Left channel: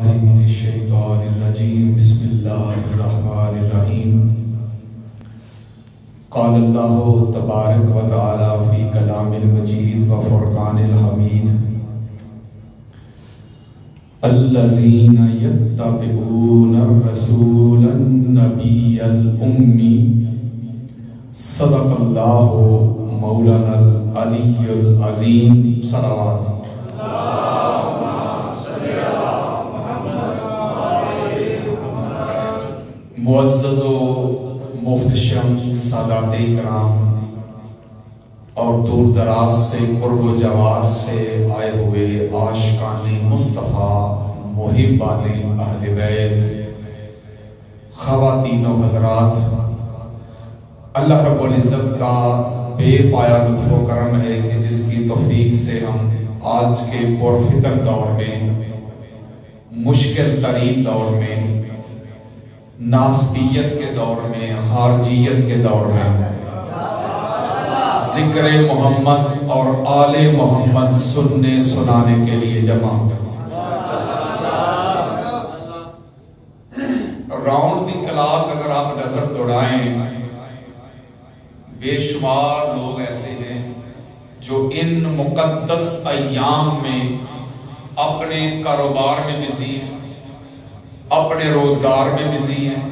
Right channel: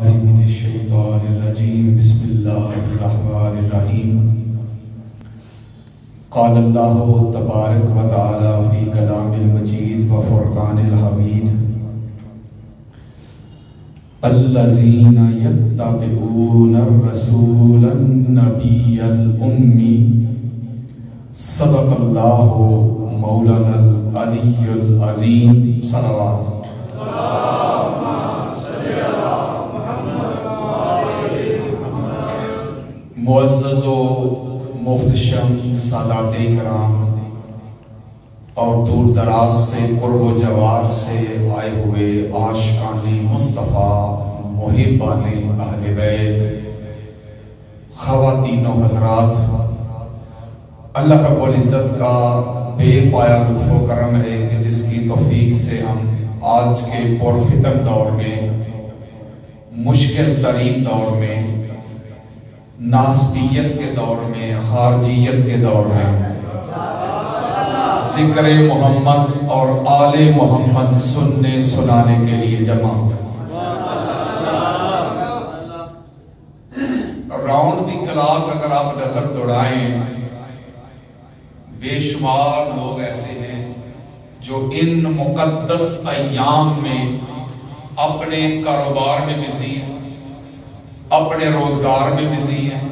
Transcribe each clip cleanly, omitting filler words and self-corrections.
من الشیطان الرجیم بسم اللہ الرحمن الرحیم قال اللہ تبارک و تعالی فی کلام المجید و فرقان الحمید الذین یتبعون الرسول النبی الأمی صدق اللہ مولانا العلی العظیم صلوات معزز و محتشم سادات کرام اور دور دراز سے قرب و جوار سے آئے ہوئے عاشقان مصطفیٰ محبان اہل بیت خواتین و حضرات، اللہ رب العزت کا بے پایا لطف و کرم ہے کہ جس کی توفیق سے ہم آج کے پرفتن دور میں، مشکل ترین دور میں، ناسبیت کے دور میں، خارجیت کے دور میں ذکر محمد اور آل محمد سننے سنانے کے لیے جمع راؤنڈ دی کلاک اگر آپ نظر دوڑائیں، بے شمار لوگ ایسے ہیں جو ان مقدس ایام میں اپنے کاروبار میں بزی ہیں، اپنے روزگار میں بزی ہیں،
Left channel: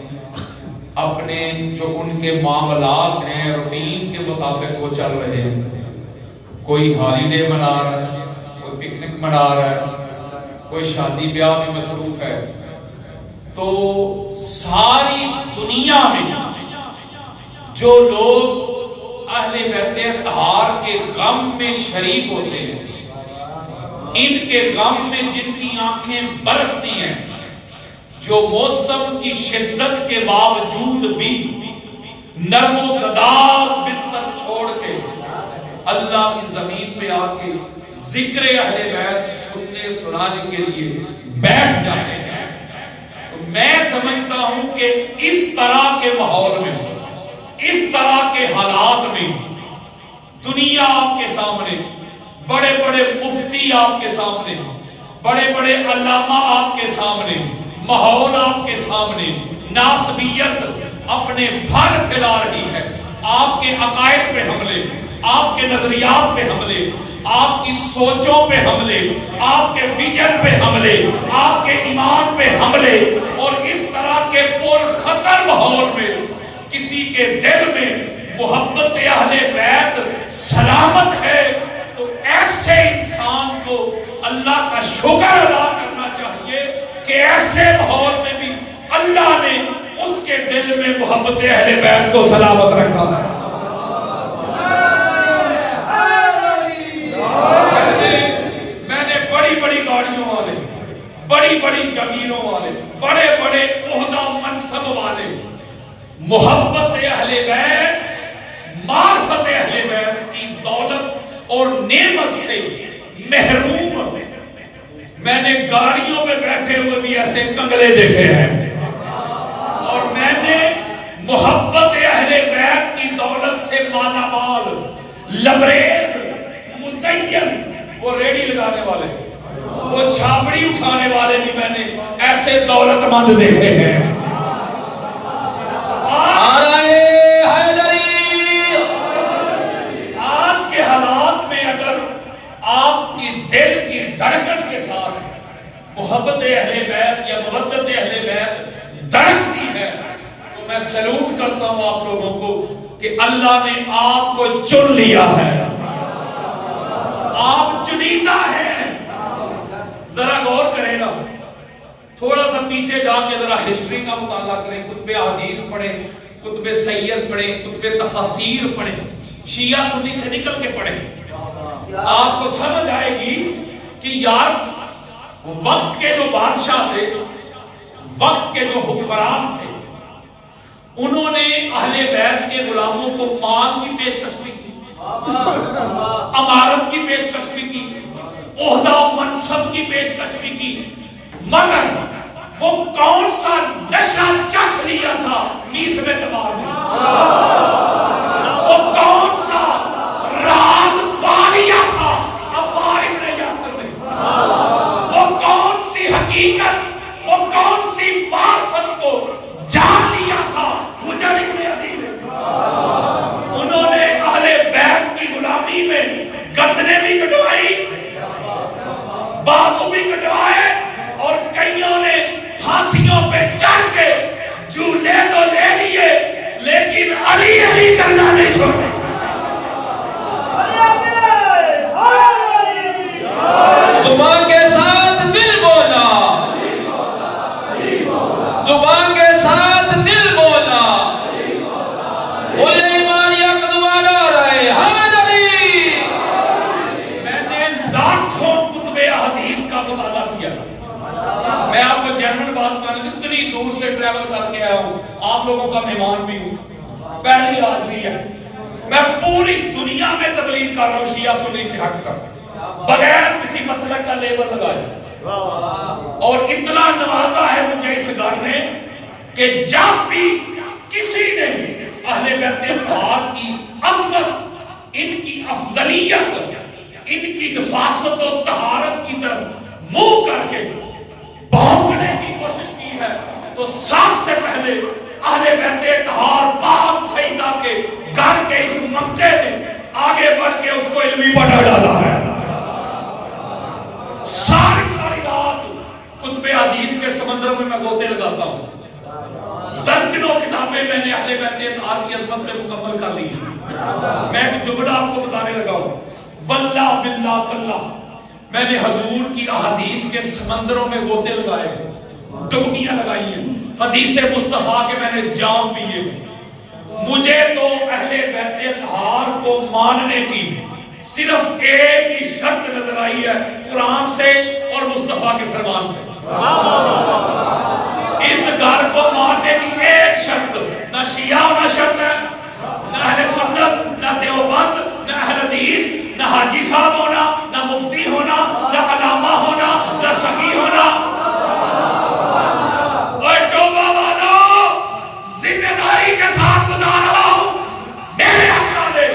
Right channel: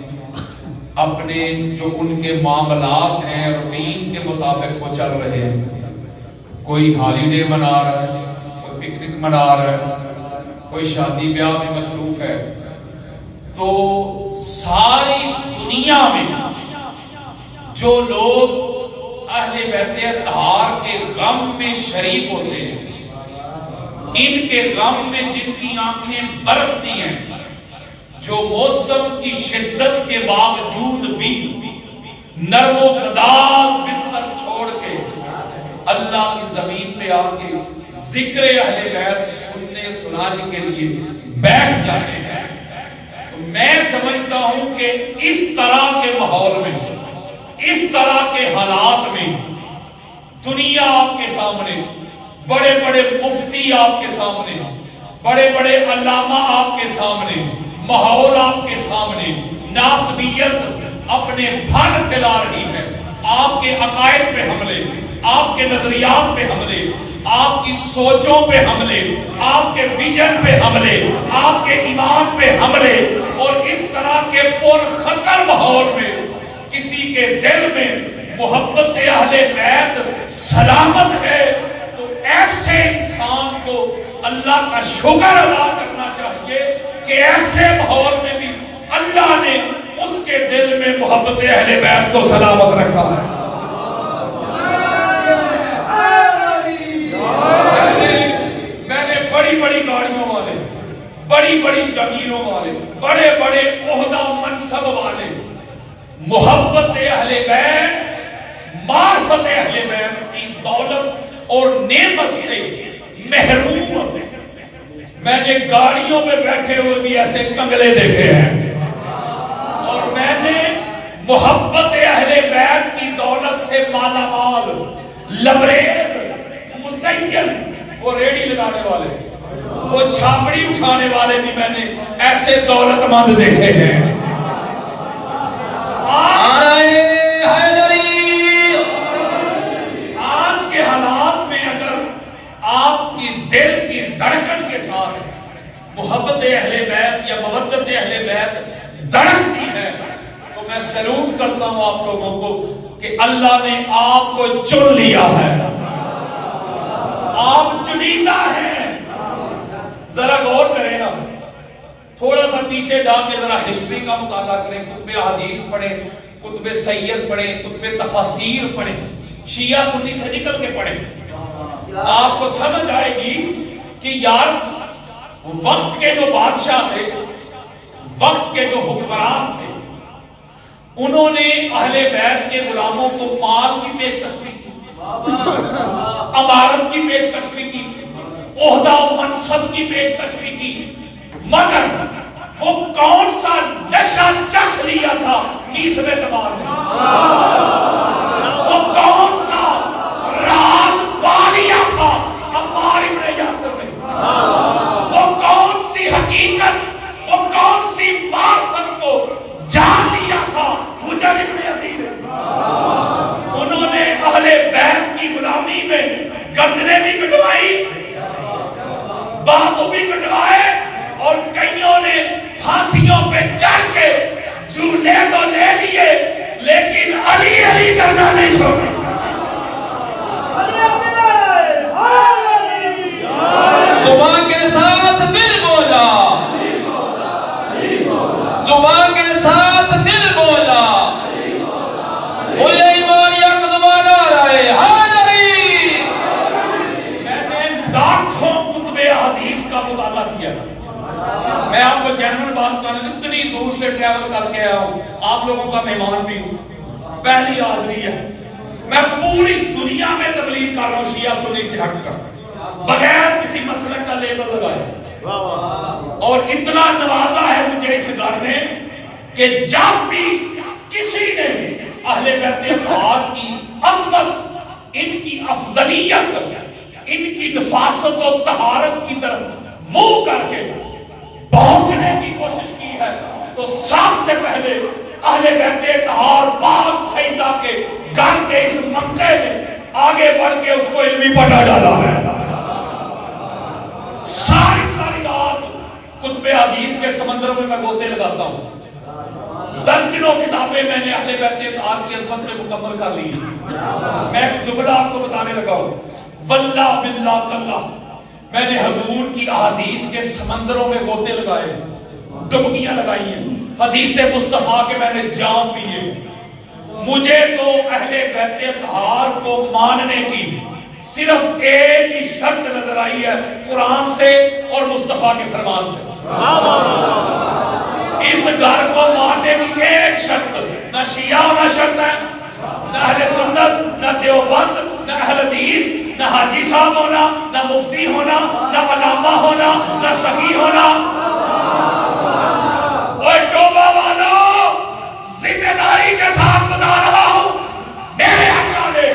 اپنے جو ان کے معاملات ہیں روٹین کے مطابق وہ چل رہے ہیں۔ کوئی ہالیڈے منا رہا ہے، کوئی پکنک منا رہا ہے، کوئی شادی بیاہ میں مصروف ہے۔ تو ساری دنیا میں جو لوگ اہل بیت اطہار کے غم میں شریک ہوتے ہیں، ان کے غم میں جن کی آنکھیں برستی ہیں، جو موسم کی شدت کے باوجود بھی نرم و گداز بستر چھوڑ کے اللہ کی زمین پہ آ کے ذکر اہل بیت سننے سنانے کے لیے بیٹھ جاتے ہیں، تو میں سمجھتا ہوں کہ اس طرح کے ماحول میں، اس طرح کے حالات میں دنیا آپ کے سامنے، بڑے بڑے مفتی آپ کے سامنے، بڑے بڑے علامہ آپ کے سامنے، ماحول آپ کے سامنے، ناسبیت اپنے پھل پھیلا رہی ہے، آپ کے عقائد پہ حملے، آپ کے نظریات پہ حملے، آپ کی سوچوں پہ حملے، آپ کے ویژن پہ حملے، آپ کے ایمان پہ حملے، اور اس طرح کے پر خطر ماحول میں کسی کے دل میں محبت اہل بیت سلامت ہے، تو ایسے انسان کو اللہ کا شکر ادا کرنا چاہیے کہ ایسے ماحول میں بھی اللہ نے اس کے دل میں محبت اہل بیت کو سلامت رکھا ہے۔ میں نے بڑی بڑی گاڑیوں والے، بڑی بڑی جگیروں والے، بڑے بڑے عہدہ و منصب والے محبت اہل بیت، معرفت اہل بیت کی دولت اور نعمت سے محروم، میں نے گاڑیوں میں بیٹھے ہوئے بھی ایسے کنگلے دیکھے ہیں، اور میں نے محبت اہل بیت کی دولت سے مالا مال، لبریز، مزین، وہ ریڑی لگانے والے، وہ چھاپڑی اٹھانے والے بھی میں نے ایسے دولت مند دیکھے ہیں۔ آج کے حالات میں اگر آپ کی دل کی دھڑکن کے ساتھ محبت اہل بیت یا مودت اہل بیت دھڑکتی ہے، تو میں سلوٹ کرتا ہوں آپ لوگوں کو کہ اللہ نے آپ کو چن لیا ہے، آپ چنیدہ ہیں۔ ذرا غور کریں نا، تھوڑا سا پیچھے جا کے ذرا ہسٹری کا مطالعہ کریں، کتب حدیث پڑھیں، کتب سید پڑھیں، کتب تفاسیر پڑھیں، شیعہ سنی سے نکل کے پڑھیں، آپ کو سمجھ آئے گی کہ یار وقت کے جو بادشاہ تھے، وقت کے جو حکمران تھے، انہوں نے اہل بیت کے غلاموں کو مال کی پیشکش بھی کی، امارت کی پیشکش بھی کی، عہدہ و منصب کی پیشکش بھی کی، مگر وہ کون سا نشہ چکھ لیا تھا میس میں تبار نے، وہ کون سا راز پا لیا تھا عمار ابن یاسر نے، وہ کون سی حقیقت علی کرنا نہیں چھوڑنا. زبان کے ساتھ دل بولا, زبان کے ساتھ دل بولا, بولے ایمان یکدمان آ رہے حاضری. میں نے لاکھوں کتب حدیث کا مطالعہ کیا. میں آپ کو جنرل بات کر اتنی دور سے ٹریول کر کے آیا ہوں, آپ لوگوں کا مہمان بھی ہوں, پہلی حاضری ہے. میں پوری دنیا میں تبلیغ کر رہا ہوں شیعہ سنی سے ہٹ کر, بغیر کسی مسلک کا لیبل لگائے. اور اتنا نوازا ہے مجھے اس گھر نے کہ جب بھی کسی نے اہل بیت اطہار کی عظمت, ان کی افضلیت, ان کی نفاست و طہارت کی طرف منہ کر کے بھونکنے کی کوشش کی ہے, تو سب سے پہلے اہل بیت اطہار پاک سیدہ کے گھر کے اس منطقے نے آگے بڑھ کے اس کو علمی پٹا ڈالا ہے. ساری رات کتب حدیث کے سمندر میں گوتے لگاتا ہوں. درجنوں کتابیں میں نے اہل بیت اطہار کی عظمت میں مکمل کر لی. میں ایک جملہ آپ کو بتانے لگا ہوں, واللہ باللہ تاللہ میں نے حضور کی احادیث کے سمندروں میں گوتے لگائے, ڈبکیاں لگائی ہیں, حدیث مصطفیٰ کے میں نے جام پیے. مجھے تو اہل بیت اطہار کو ماننے کی صرف ایک ہی شرط نظر آئی ہے, قرآن سے اور مصطفیٰ کے فرمان سے. اس گھر کو ماننے کی ایک شرط, نہ شیعہ ہونا شرط ہے, نہ اہل سنت, نہ دیوبند, نہ اہل حدیث, نہ حاجی صاحب ہونا, نہ مفتی ہونا, نہ علامہ ہونا, نہ سخی ہونا. اور توبہ والو, ذمہ داری کے ساتھ بتا رہا ہوں, میرے آقا نے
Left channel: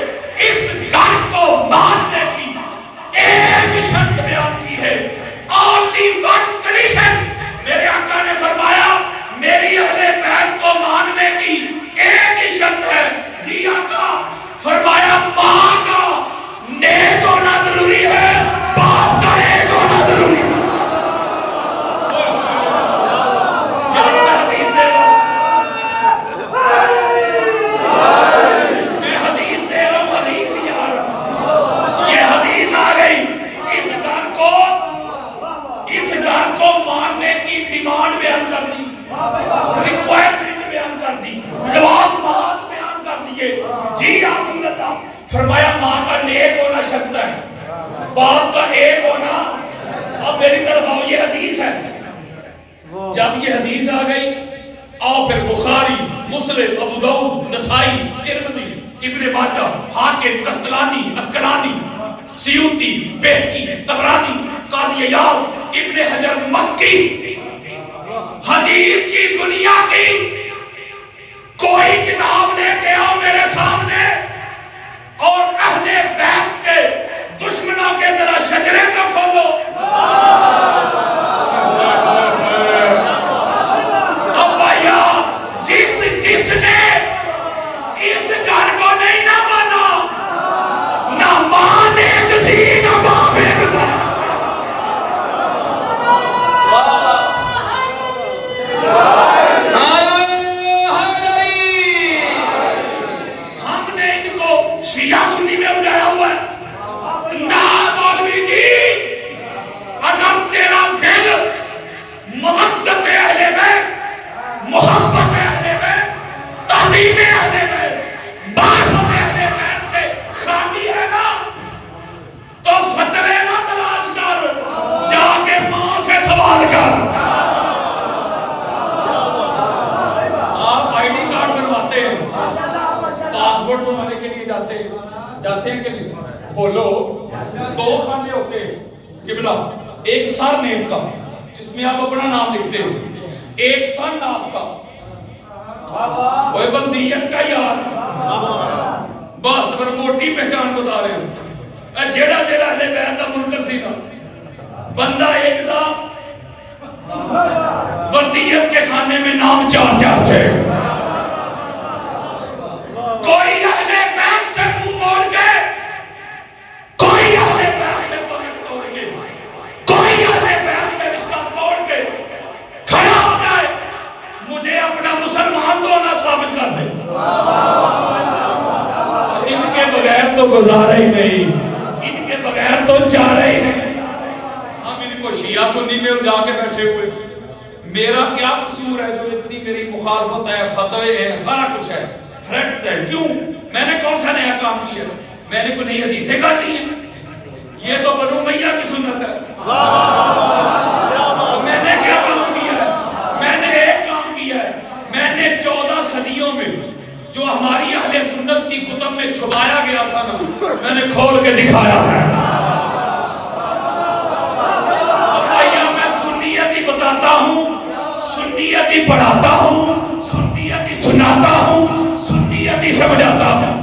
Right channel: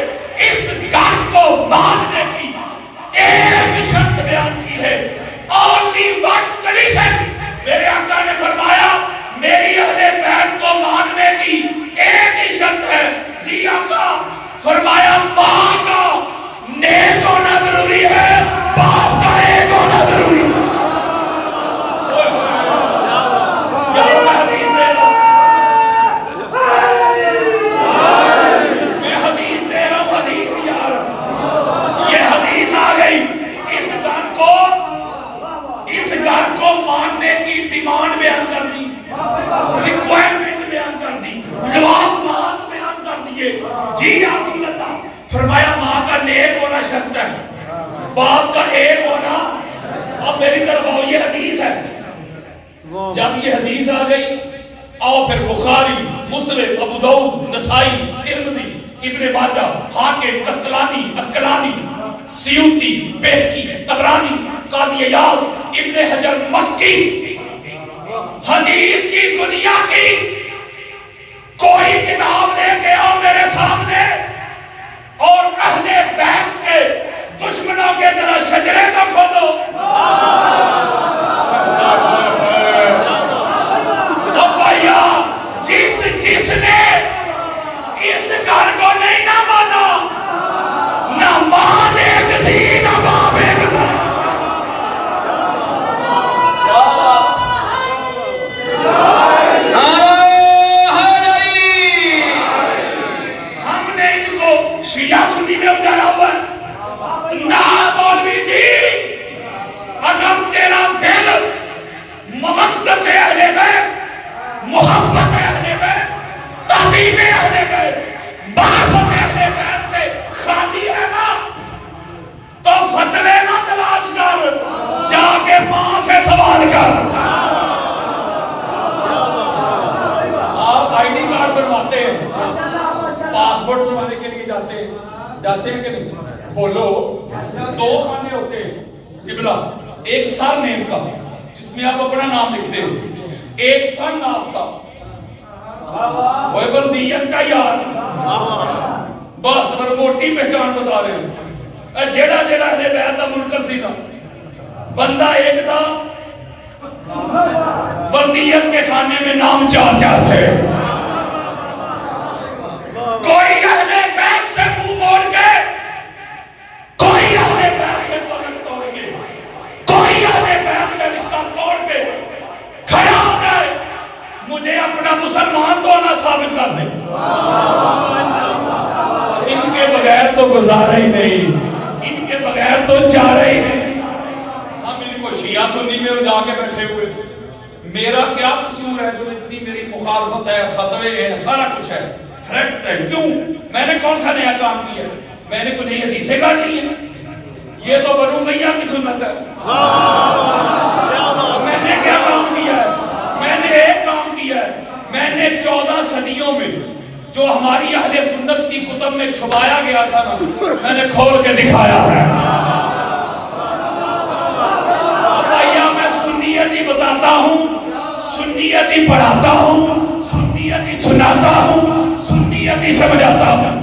اس گھر کو ماننے کی ایک شرط بیان کی ہے, only one condition. میرے آقا نے فرمایا میری اہل بیت کو ماننے کی ایک ہی شرط ہے. جی آقا, فرمایا ماں کا نیک ہونا ضروری ہے, باپ کا ایک ہونا ضروری ہے. فرمایا ماں کا نیک ہونا شرط ہے, باپ کا ایک ہونا. اب میری طرف آؤ, یہ حدیث ہے. جب یہ حدیث آ گئی, آؤ پھر بخاری, مسلم, ابو داؤد, نسائی, ترمذی, ابن ماجہ, حاکم, قسطلانی, اسقلانی, سیوطی, بہقی, طبرانی, قاضی عیاض, ابن حجر مکی. حدیث کی دنیا کی کوئی کتاب لے کے آؤ میرے سامنے, اور اہل بیت کے دشمنوں کے ذرا شجرے کو کھولو. اب بھائیا, جس نے اس گھر کو نہیں نہ مانا, نہ ماں ایک تھی نہ باپ ایک تھا. شیعہ سنی میں اگایا ہوا ہے. نہ مولوی جی, اگر تیرا دل محبت اہل بیت, محبت اہل بیت, تعظیم اہل بیت, معرفت اہل بیت سے خالی ہے نا, تو فتوے نہ تلاش کر, جا کے ماں سے سوال کر. آپ آئی ڈی کارڈ بنواتے ہیں, پاسپورٹ بنوانے کے لیے جاتے ہیں کہ نہیں؟ بولو. دو خانے ہوتے ہیں قبلہ, ایک سر نیم کا جس میں آپ اپنا نام لکھتے ہیں, ایک سر ناف کا, وہ بلدیت کا یار. بس پر موٹی پہچان بتا رہے ہیں. جیڑا اہل بیت دا منکر سی نا, بندہ ایک تھا, بلدیت کے خانے میں نام 4 تھے. کوئی اہل بیت سے منہ موڑ کے, کوئی اہل بیت سے پلک توڑ کے, کوئی اہل بیت سے رشتہ توڑ کے کھڑا ہو گئے, مجھے اپنا مسلمان تو نہ ثابت کر دے. کے بغیر تو گزارا ہی نہیں، ان کے بغیر تو چارہ ہی نہیں۔ ہم ان کو شیعہ سنی میں جا کے بیٹھے ہوئے، میرا کیا قصور ہے جو اتنی میری مخالفت ہے، فتوے ہیں، سارا کچھ ہے، تھریٹ ہے؟ کیوں؟ میں نے کون سا نیا کام کیا؟ میں نے کوئی نئی حدیثیں گاڑ لی ہیں؟ یہ تو بنو امیہ کی سنت ہے۔ میں نے کیا کام کیا ہے؟ میں نے ایک کام کیا ہے، میں نے 14 صدیوں میں جو ہماری اہل سنت کی کتب میں چھپایا گیا تھا نا، میں نے کھول کے دکھایا ہے۔ میں سنیت ہی بتاتا ہوں، سنیت ہی پڑھاتا ہوں، سنیت ہی سناتا ہوں، سنیت ہی سمجھاتا ہوں۔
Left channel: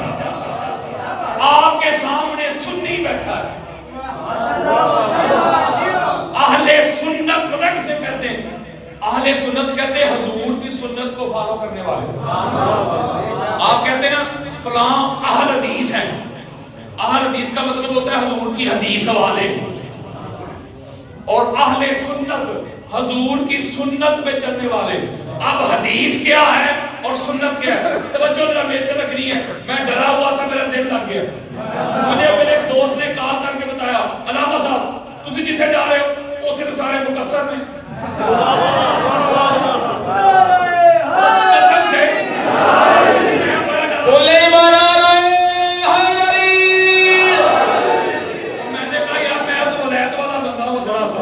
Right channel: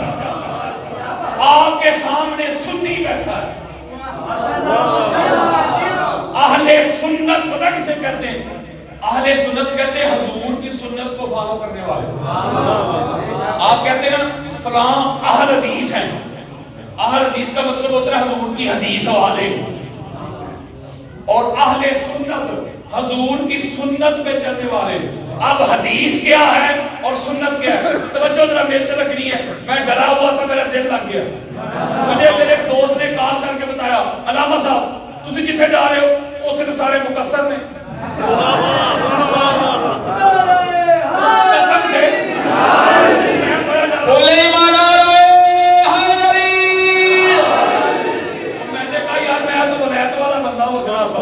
آپ کے سامنے سنی بیٹھا ہے۔ اہل سنت پتہ کسے کہتے ہیں؟ اہل سنت کہتے ہیں حضور کی سنت کو فالو کرنے والے۔ آپ کہتے ہیں نا فلاں اہل حدیث ہیں، اہل حدیث کا مطلب ہوتا ہے حضور کی حدیث والے، اور اہل سنت حضور کی سنت پہ چلنے والے۔ اب حدیث کیا ہے اور سنت کیا ہے؟ توجہ ذرا میرے طرف رکھنی ہے۔ میں ڈرا ہوا تھا، میرا دل لگ گیا۔ مجھے میرے ایک دوست نے کال کر کے بتایا، علامہ صاحب تسی جتھے جا رہے ہو اتھے تو سارے مقصر نے۔ قسم سے میں نے کہا یار میں تو ولایت والا بندہ ہوں، ذرا سا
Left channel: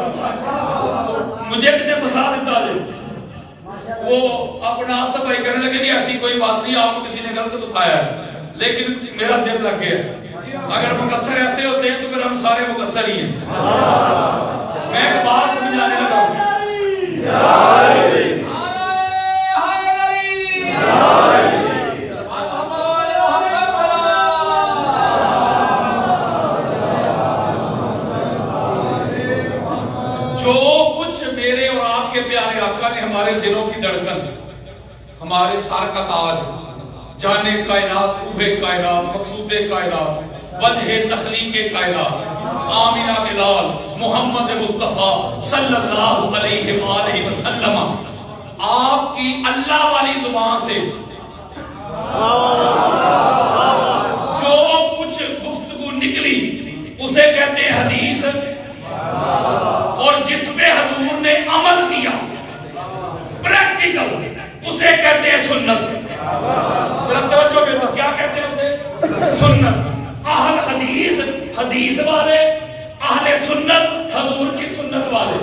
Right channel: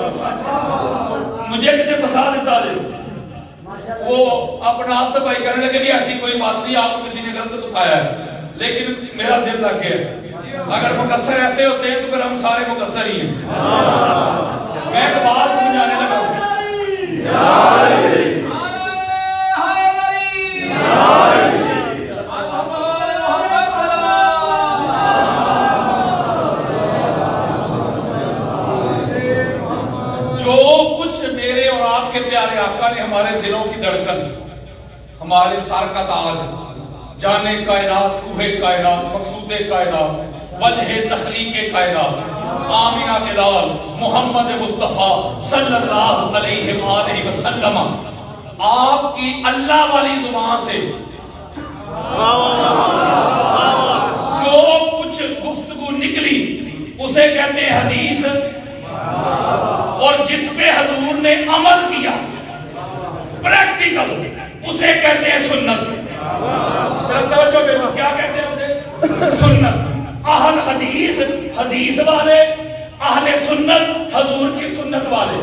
مجھے کتنے پھنسا دیتا جی۔ وہ اپنا صفائی کرنے لگے، نہیں ایسی کوئی بات نہیں، آپ کو کسی نے غلط بتایا ہے، لیکن میرا دل لگ گیا۔ اگر مقصر ایسے ہوتے ہیں تو پھر ہم سارے مقصر ہی ہیں۔ میں ایک بات سمجھانے لگا ہوں، جو کچھ میرے اور آپ کے پیارے آقا نے ہمارے دلوں کی دھڑکن، ہمارے سر کا تاج، جانے کائنات، روح کائنات، مقصود کائنات، وجہ تخلیق کائنات، آمینہ کے لال محمد مصطفیٰ صلی اللہ علیہ وآلہ وسلم، آپ کی اللہ والی زبان سے جو کچھ گفتگو نکلی اسے کہتے ہیں حدیث، اور جس پہ حضور نے عمل کیا پریکٹیکل اسے کہتے ہیں سنت۔ کیا کہتے ہیں اسے؟ سنت۔ اہل حدیث حدیث والے، اہل سنت حضور کی سنت والے،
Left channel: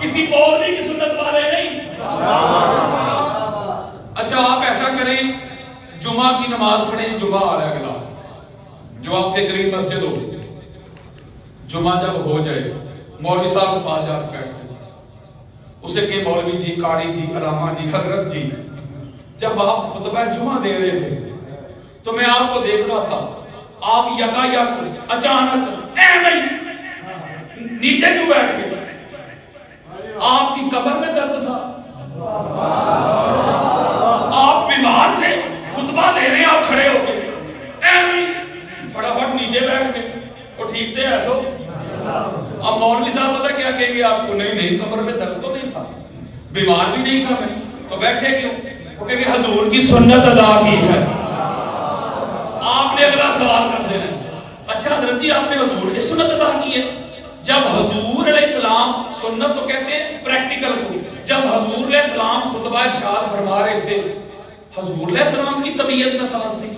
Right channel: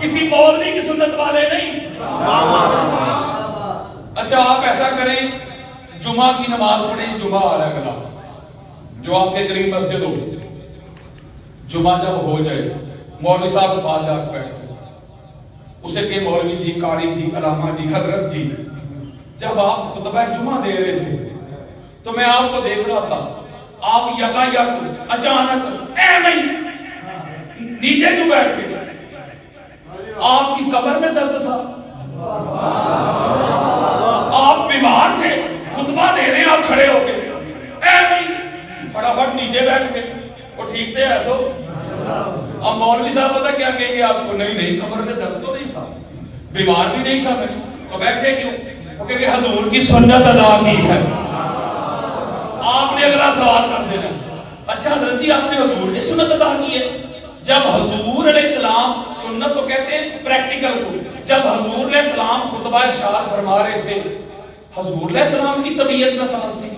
کسی مولوی کی سنت والے نہیں۔ اچھا آپ ایسا کریں، جمعہ کی نماز پڑھیں، جمعہ آ رہا ہے اگلا، جو آپ کے قریب مسجد ہو، جمعہ جب ہو جائے مولوی صاحب کے پاس جا کے بیٹھتے، اسے کہ مولوی جی، قاری جی، علامہ جی، حضرت جی، جب آپ خطبہ جمعہ دے رہے تھے تو میں آپ کو دیکھ رہا تھا، آپ یکا یک اچانک نیچے کیوں بیٹھ گئے؟ آپ کی کمر میں درد تھا؟ آپ بیمار تھے؟ خطبہ دے رہے ہیں آپ کھڑے ہو کے فٹافٹ نیچے بیٹھ گئے؟ وہ ٹھیک تھے ایسو؟ اب مولوی صاحب پتہ کیا کہیں گے آپ کو؟ نہیں کمر میں درد تو نہیں تھا، بیمار بھی نہیں تھا میں، تو بیٹھے کیوں؟ وہ کہیں گے حضور کی سنت ادا کی ہے۔ آپ نے اگلا سوال کر دینا، اچھا حضرت جی آپ نے حضور کی سنت ادا کی ہے؟ جب حضور علیہ السلام، سنت تو کہتے ہیں پریکٹیکل کو، جب حضور علیہ السلام خطبہ ارشاد فرما رہے تھے، حضور علیہ السلام کی طبیعت نہ سمجھتے کی،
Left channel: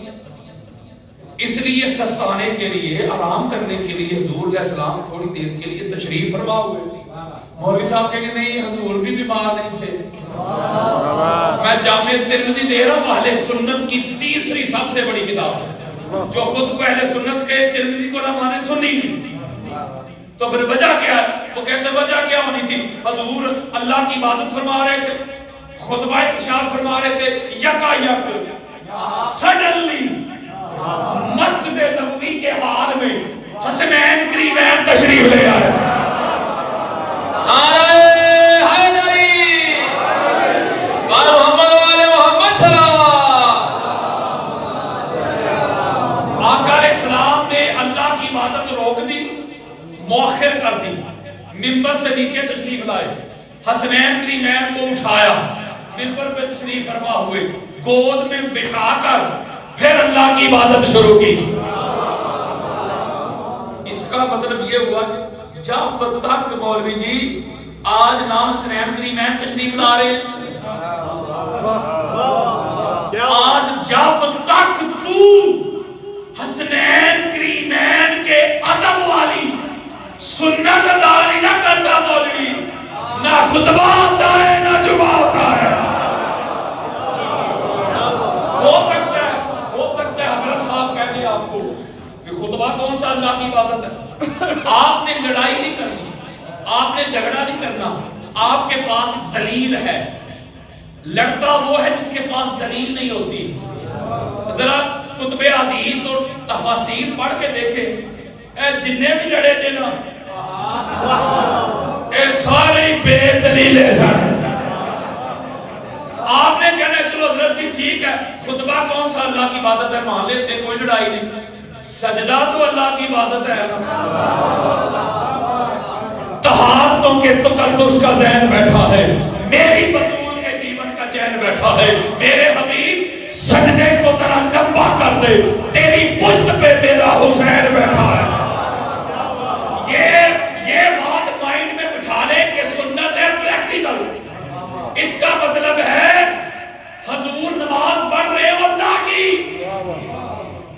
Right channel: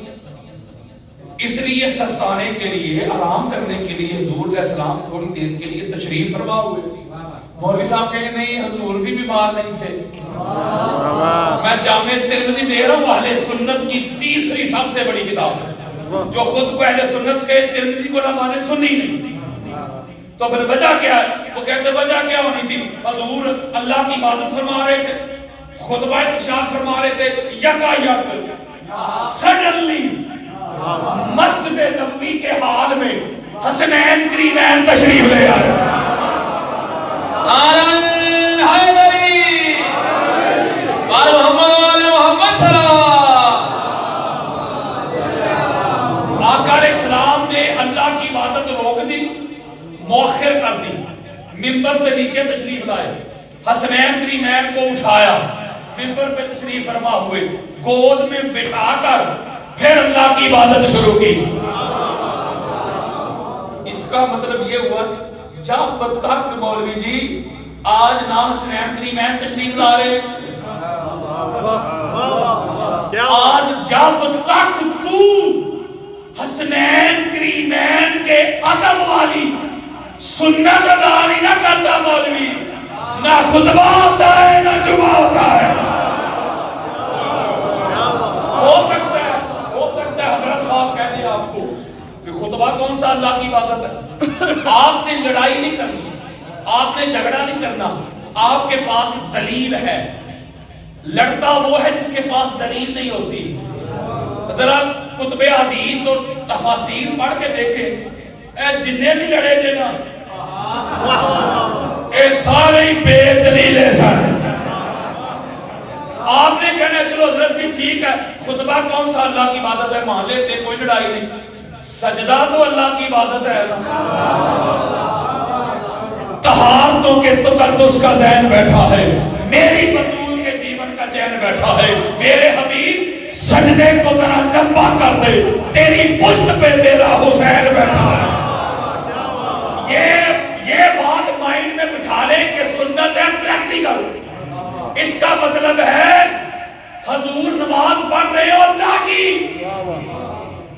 اس لیے سستانے کے لیے، آرام کرنے کے لیے حضور علیہ السلام تھوڑی دیر کے لیے تشریف فرما ہوئے۔ مولوی صاحب کہیں گے نہیں حضور بھی بیمار نہیں تھے۔ میں جامع ترمذی دے رہا ہوں، اہل سنت کی تیسری سب سے بڑی کتاب، جو خود کو اہل سنت کے ترمذی کو نہ مانے سنی نہیں، تو پھر وجہ کیا ہے؟ وہ کہتے وجہ کیا ہونی تھی؟ حضور اللہ کی عبادت فرما رہے تھے، خطبہ ارشاد فرما رہے تھے، یکا یک سڈنلی مسجد نبوی کے حال میں حسنین کریمین تشریف لے آئے۔ آقا علیہ السلام نے اللہ کی عبادت روک دی، مؤخر کر دی، ممبر سے نیچے تشریف لائے، حسنین کریمین کو اٹھایا، ممبر پہ تشریف فرما ہوئے، گود میں بٹھا کر پھر اللہ کی عبادت شروع کی۔ کا مطلب یہ ہوا جب تک مولوی جی آج نام حسنین کریمین تشریف لا رہے ہیں، آج جب تک تو حسنین کریمین کے ادب والی سنت ادا نہیں نہ کرتا مولوی، نہ خطبہ ہوتا ہے نہ جمعہ ہوتا ہے۔ ہو سکتا ہے حضرت صاحب کہہ دیں آپ کو کہ خطبہ کون سا اللہ کی عبادت ہے، آپ نے لڑائی نہیں کرنی، آپ نے جھگڑا نہیں کرنا، آپ کے پاس دلیل ہے، لڑتا وہ ہے جس کے پاس دلیل نہیں ہوتی۔ ذرا کتب حدیث اور تفاسیر پڑھ کے دیکھیں، اے جننے بھی لڑے جے نا اے سارے بے دلیل ہیں۔ آپ نے کہنا چلو حضرت جی ٹھیک ہے، خطبہ کون سا اللہ کی عبادت ہے مان لیتے، کوئی لڑائی نہیں، سجدہ تو اللہ کی عبادت ہے۔ طہارتوں کے تقدس کا ذہن بیٹھا ہے، میری بطول کے جیون کا چین بیٹھا ہے، میرے حبیب سجدے کو ذرا لمبا کر دے، تیری پشت پہ میرا حسین بیٹھا ہے۔ یہ بات مائنڈ میں بٹھا لیں کہ سنت ہے پریکٹیکل، اس کا مطلب ہے حضور نماز پڑھ رہے ہو اللہ کی،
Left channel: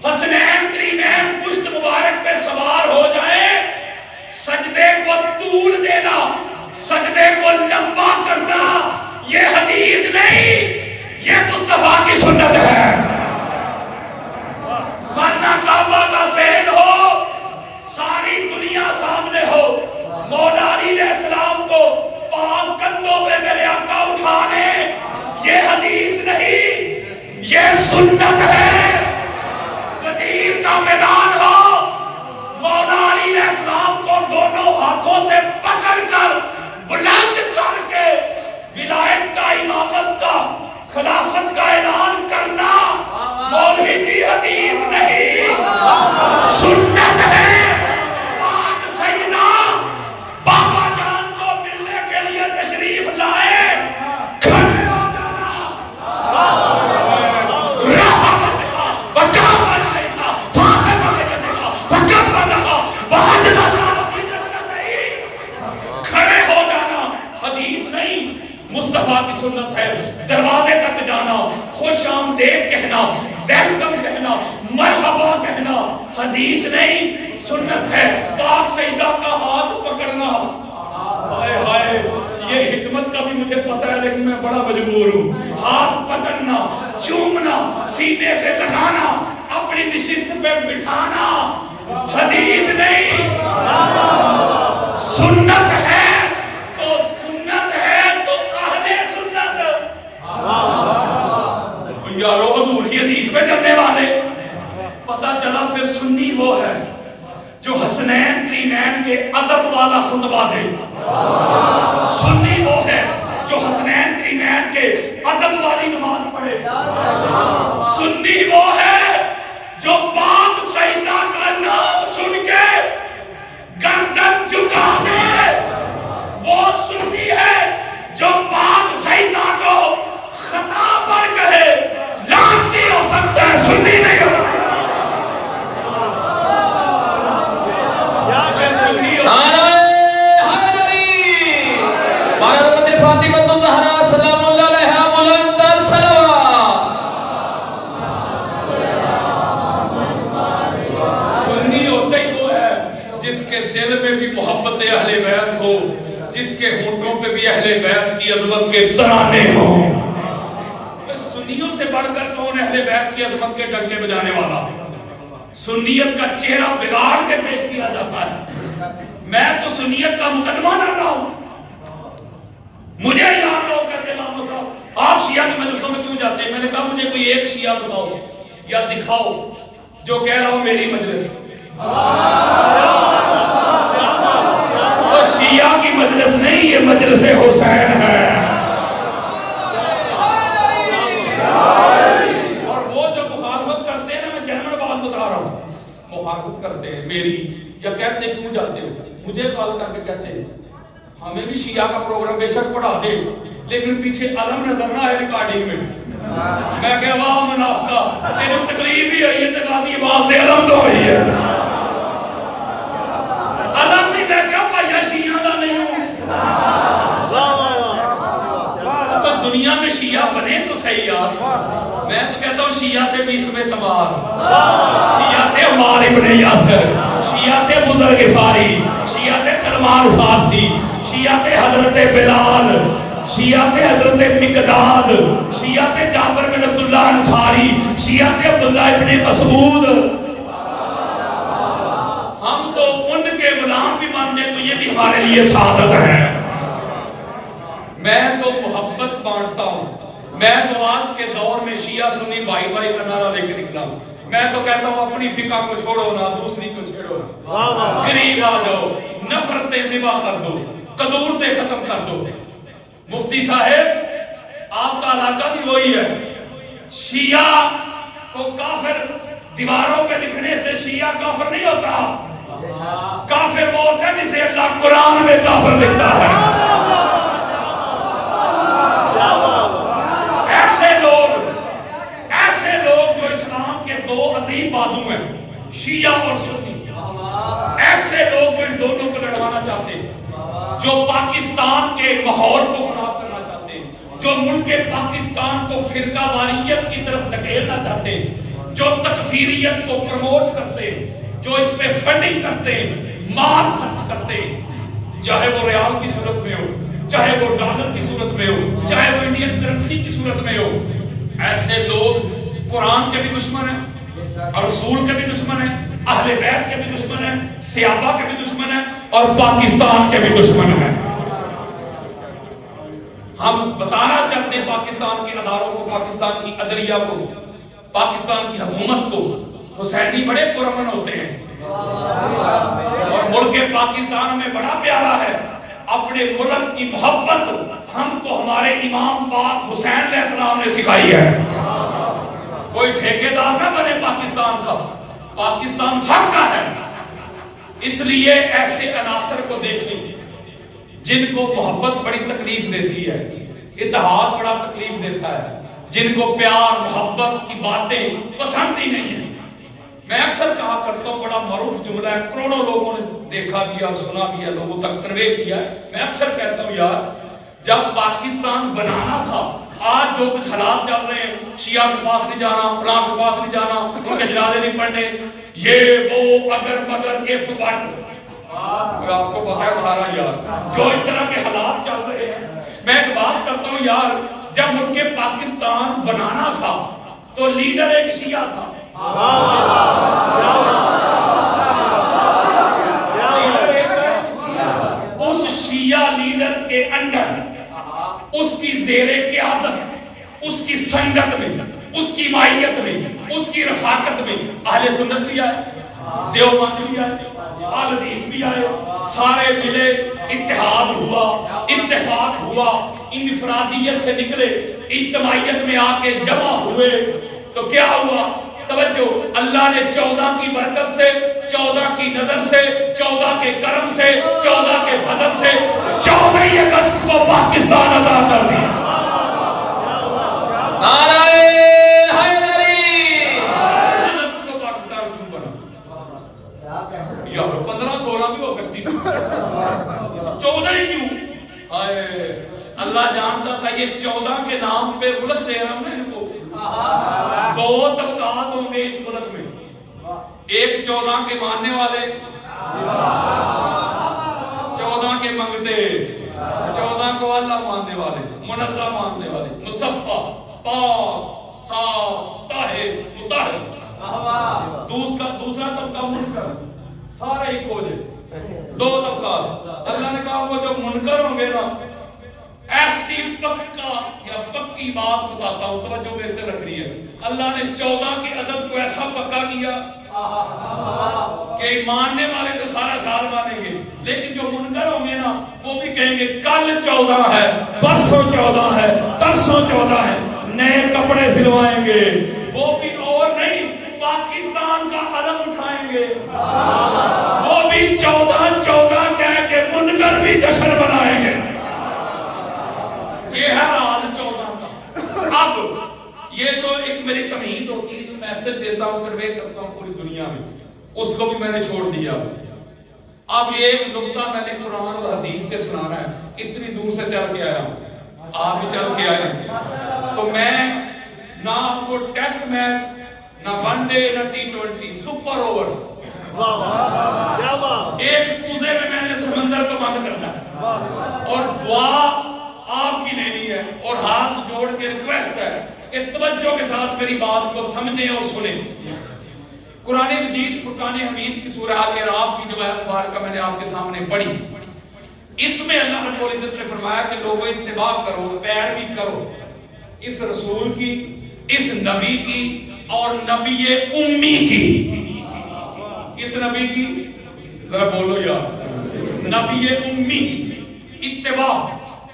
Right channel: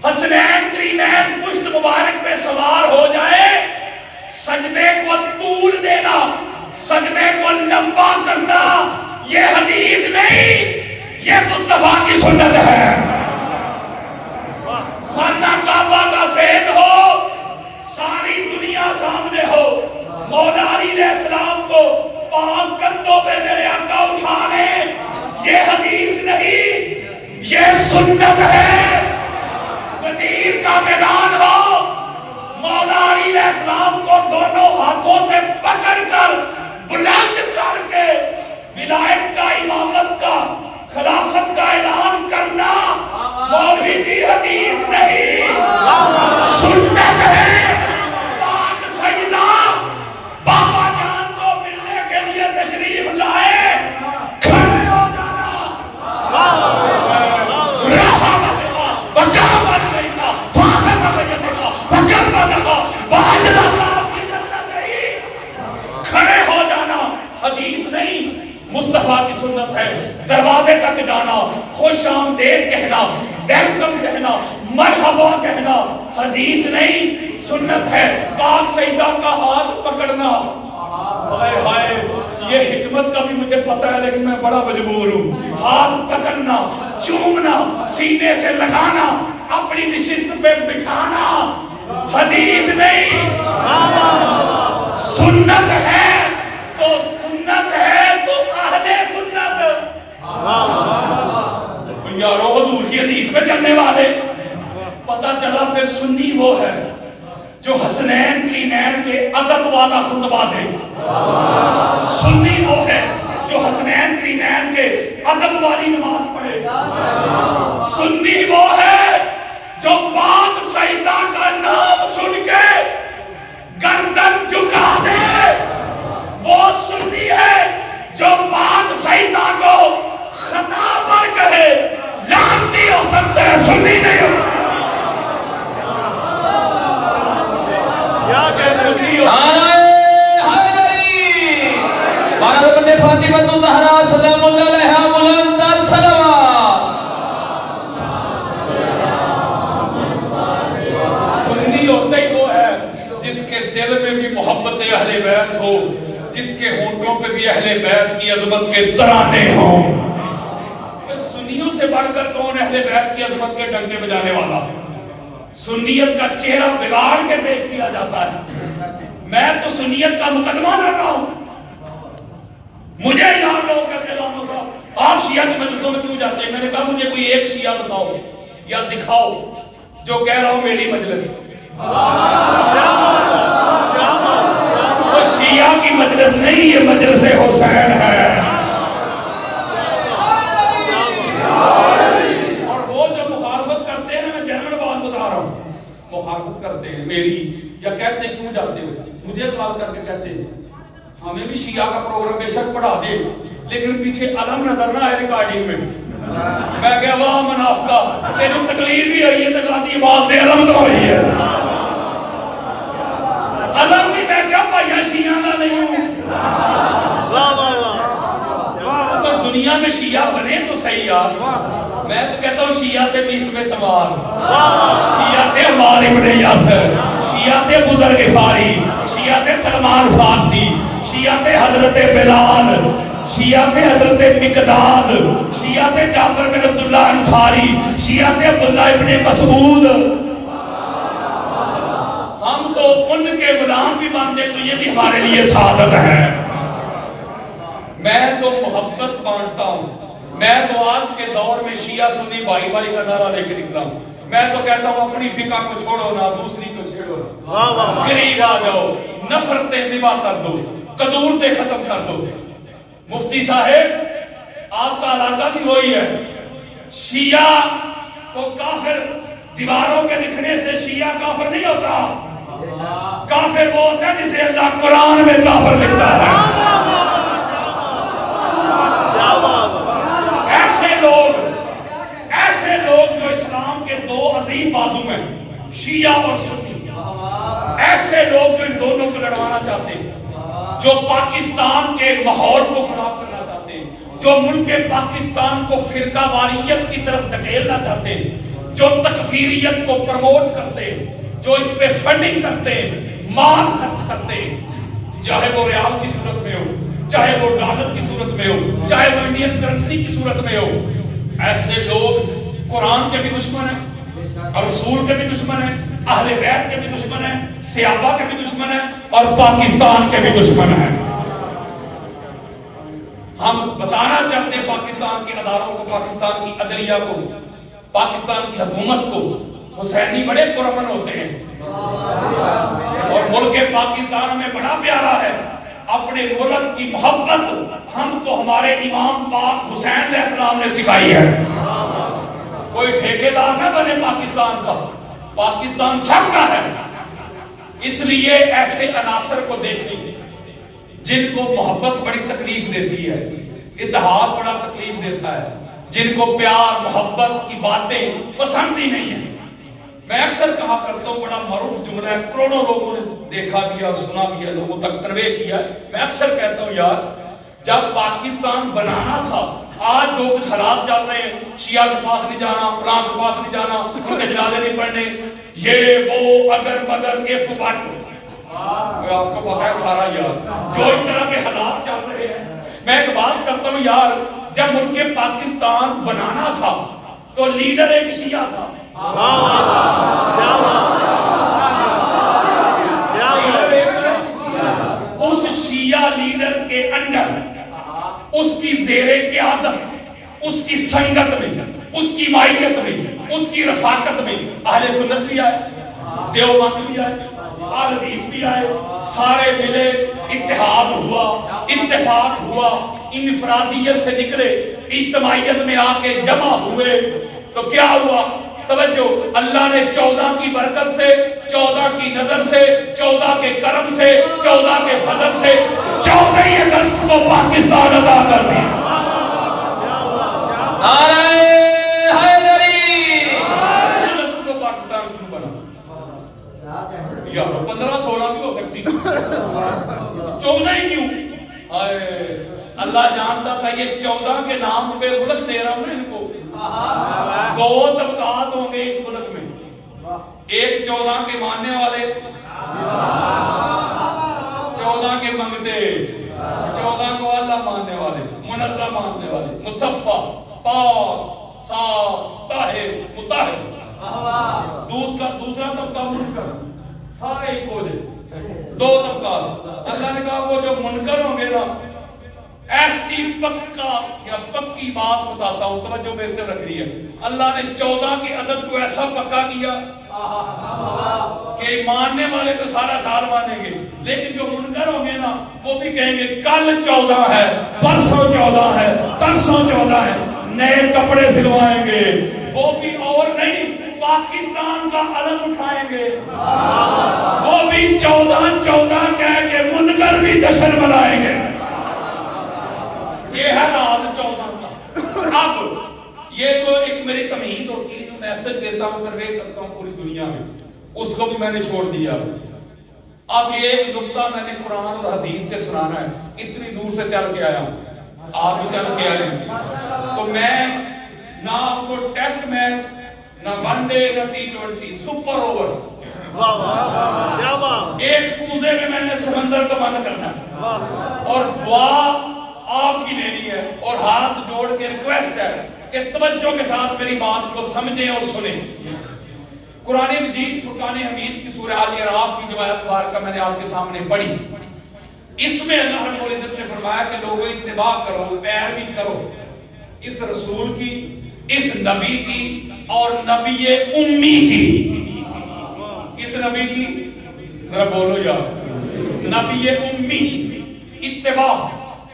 حسنین کریمین پشت مبارک پہ سوار ہو جائے، سجدے کو طول دینا، سجدے کو لمبا کرنا، یہ حدیث نہیں، یہ مصطفیٰ کی سنت ہے۔ خانہ کعبہ کا سین ہو، ساری دنیا سامنے ہو، مولا علی علیہ السلام کو پاک کندھوں پہ میرے آقا اٹھانے، یہ حدیث نہیں، یہ سنت ہے۔ غدیر کا میدان ہو، مولا علی علیہ السلام کو دونوں ہاتھوں سے پکڑ کر بلند کر کے ولایت کا، امامت کا، خلافت کا اعلان کرنا، مولوی جی حدیث نہیں، سنت ہے۔ پاک سیدہ بابا جان کو ملنے کے لیے تشریف لائے، کھڑے ہو جانا، کھڑے ہو جانا حدیث نہیں، مصطفیٰ کی سنت ہے۔ دروازے تک جانا، خوش آمدید کہنا، ویلکم کہنا، مرحبا کہنا، حدیث نہیں، سنت ہے۔ پاک سیدہ کا ہاتھ پکڑنا، ہائے ہائے یہ حکمت کا بھی مجھے پتہ ہے لیکن میں بڑا مجبور ہوں، ہاتھ پکڑنا، چومنا، سینے سے لگانا، اپنی نشست پہ بٹھانا، حدیث نہیں، سنت ہے تو سنت ہے تو اہل سنت۔ یارو حضور کی حدیث پہ چلنے والے، پتہ چلا پھر سنی وہ ہے جو حسنین کریمین کے ادب والا خطبہ دے، سنی وہ ہے جو حسنین کریمین کے ادب والی نماز پڑھے، سنی وہ ہے جو پاک سیدہ کا نام سن کے گردن جھکا دے، وہ سنی ہے جو پاک سیدہ کو خطا پر کہے، لعنتی ہو سکتا ہے، سنی نہیں ہو سکتا۔ دل میں بھی محبت اہل بیت ہو، جس کے ہونٹوں پہ بھی اہل بیت کی عظمت کے ترانے ہوں۔ سنیوں سے بڑھ کر کون اہل بیت کی عظمت کے ڈنکے بجانے والا؟ سنیت کا چہرہ بگاڑ کے پیش کیا جاتا ہے۔ میں تو سنیت کا مقدمہ لڑ رہا ہوں۔ مجھے یاد لوگ کہتے ہیں آپ شیعہ کے مجلسوں میں کیوں جاتے ہیں؟ میں نے کہا مجھے کوئی ایک شیعہ بتاؤ یا دکھاؤ جو کہہ رہا ہوں میری مجلس، وہ شیعہ کی مجلس نہیں، یہ مجلس حسین ہے۔ اور وہ جو مخالفت کرتے ہیں، میں جنرل بات بتا رہا ہوں، مخالفت کرتے ہیں میری یا کہتے ہیں کیوں جاتے ہو، مجھے کال کر کے کہتے ہیں ہمیں بھی شیعہ کا پروگرام بے شک پڑھا دے لیکن پیچھے علم نظر نہ آئے ریکارڈنگ میں۔ میں کہا واہ منافقہ، تینوں تکلیف بھی ہوئی ہے تو کہا دی باز دے علم تو ہوئی ہے۔ علم بھی میں کیا بھائی شیعہ کا نہیں ہوں. تو دنیا میں شیعہ بنے تو صحیح یار. میں تو کہتا ہوں شیعہ تھے 20 میں تمار, شیعہ تھے عمار ابن یاسر, شیعہ تھے بزرگ فاری, شیعہ تھے سلمان فارسی, شیعہ تھے حضرت بلال, شیعہ تھے حضرت مقداد, شیعہ تھے جابر بن عبداللہ انصاری, شیعہ تھے عبداللہ ابن مسعود. ہم تو ان کے غلام بھی بن جائیں تو یہ بھی ہمارے لیے سعادت ہے. میں تو محبت بانٹتا ہوں. میں تو آج کے دور میں شیعہ سنی بھائی بھائی کا نعرہ لے کے نکلا ہوں. میں تو کہتا ہوں اپنی فقہ کو چھوڑو نہ, دوسری کو چھیڑو نہ, قریب آ جاؤ, نفرتیں ذبح کر دو, قدورتیں ختم کر دو. مفتی صاحب آپ کا علاقہ بھی وہی ہے. شیعہ کو کافر دیواروں پہ لکھنے سے شیعہ کافر نہیں ہوتا. کافر وہ ہوتا ہے جسے اللہ قرآن میں کافر لکھتا ہے. ایسے لوگ جو اسلام کے دو عظیم بازو ہیں, شیعہ اور سنی, ایسے لوگ جو ان دونوں کو لڑوانا چاہتے ہیں, جو پاکستان کے ماحول کو خراب کرنا چاہتے ہیں, جو ملک پاکستان کو فرقہ واریت کی طرف دھکیلنا چاہتے ہیں, جو تکفیریت کو پروموٹ کرتے ہیں, جو اس پہ فنڈنگ کرتے ہیں, مال خرچ کرتے ہیں, چاہے وہ ریال کی صورت میں ہو, چاہے وہ ڈالر کی صورت میں ہو, چاہے وہ انڈین کرنسی کی صورت میں ہو. ایسے لوگ قرآن کے بھی دشمن ہیں, اور رسول کے بھی دشمن ہیں, اہل بیت کے بھی دشمن ہیں, صحابہ کے بھی دشمن ہیں, اور پاکستان کے بھی دشمن ہیں. ہم بتانا چاہتے ہیں پاکستان کے اداروں کو, پاکستان کی عدلیہ کو, پاکستان کی حکومت کو, حسینی بڑے پرامن ہوتے ہیں اور ملک پاکستان میں بڑا پیارا ہے. اپنے ملک کی محبت ہم کو ہمارے امام پاک حسین علیہ السلام نے سکھائی ہے. کوئی ٹھیکیدار نہ بنے پاکستان کا, پاکستان سب کا ہے. اس لیے ایسے عناصر کو دیکھیں جن کو محبت بڑی تکلیف دیتی ہے, اتحاد بڑا تکلیف دیتا ہے, جن کو پیار محبت کی باتیں پسند ہی نہیں ہیں. میں اکثر کہا کرتا ہوں, بڑا معروف جملہ ہے, کروڑوں لوگوں نے دیکھا بھی اور سنا بھی ہے, لوگوں تک کنوے کیا ہے. میں اکثر کہتا ہوں یار, جب پاکستان بنانا تھا, آج جو کچھ حالات چل رہے ہیں, شیعہ کے پاس نہیں جانا, فلاں کے پاس نہیں جانا, ان کے جنازے نہیں پڑھنے, یہ وہ اگر مگر اف بٹ, آپ کو پتا ہے سارا یار, جو اس طرح کے حالات چل رہے ہیں. میں ایک بات کرتا ہوں یار, جب ملک پاکستان بنانا تھا تو لیڈر ایک شیعہ تھا. اس شیعہ لیڈر کے اندر, اس کی زیر قیادت, اس کی سنگت میں, اس کی مائیت میں, اس کی رفاقت میں اہل سنت بھی آئے, دیوبند بھی آئے, اہل حدیث بھی آئے, سارے ملے, اتحاد ہوا, اتفاق ہوا, انفرادیت سے نکلے, اجتماعیت میں آ کے جمع ہوئے. تو کیا ہوا؟ توجہ, اللہ نے 14 کی برکت سے, 14 کی نظر سے, 14 کے کرم سے, 14 کے فضل سے 14 اگست کو پاکستان ادا کر دیا. نعرہ حیدری. اگست کو پاکستان کیوں بنا؟ یار 15-16 بھی ہو سکتی تھی, 14 ہی کیوں؟ اللہ جانتا تھا یہ 14 کے نام پہ ملک دے رہا ہوں نا ان کو. 2 طبقات ہوں گے اس ملک میں, ایک 14 کے ماننے والے, 14 کے منگتے, 14 کو اللہ ماننے والے, منظم ماننے والے, مصفہ, پاک, صاف, طاہر, مطہر. دوسرا طبقہ منکر, سارے ایک ہو جائے. 2 طبقات. اللہ نے کہا وہ جو منکر ہوں گے نا, ایسی پکا یا پکی بات بتاتا ہوں, توجہ میرے طرف رکھنی ہے. اللہ نے 14 کے عدد کو ایسا پکا کیا کہ ماننے والے تو سارا سال مانیں گے, لیکن جو منکر ہوں گے نا وہ بھی کہیں گے کل 14 ہے, پرسوں 14 ہے, ترسوں 14 ہے, نئے کپڑے سلوائیں گے, وہ بھی اور نہیں پاکستان کا علم اٹھائیں گے, وہ بھی 14 کہہ کے منکر بھی جشن منائیں گے. یہ ہے راز 14 کا. اب یہ تو ایک میری تمہید ہوتی ہے جو میسج دیتا ہوں, کنوے کرتا ہوں پوری دنیا میں, اس کو بھی میں نے چھوڑ دیا. اب ایک نقطہ میں نے قرآن اور حدیث سے سنانا ہے، اتنی دور سے چل کے آیا ہوں، آپ بھی چل کے آئے ہیں، تو میں نہ آپ کو ٹیسٹ میچ، نہ ون ڈے، نہ T20، سپر اوور، ایک کوزے میں نے سمندر کو بند کرنا ہے اور دعا آپ کی لینی ہے، اور ہاتھ جوڑ کے ریکویسٹ ہے کہ توجہ کے ساتھ میری بات کو سمجھیں اور سنیں۔ قرآن مجید فرقان حمید کی سورہ اعراف کی جو آیت مبارکہ میں نے آپ کے سامنے پڑھی، اس میں اللہ رب العزت نے فرمایا کہ لوگوں اتباع کرو، پیروی کرو اس رسول کی، اس نبی کی، اور نبی امی کی۔ کس نبی کی؟ ذرا بولو یار، نبی امی، اتباع۔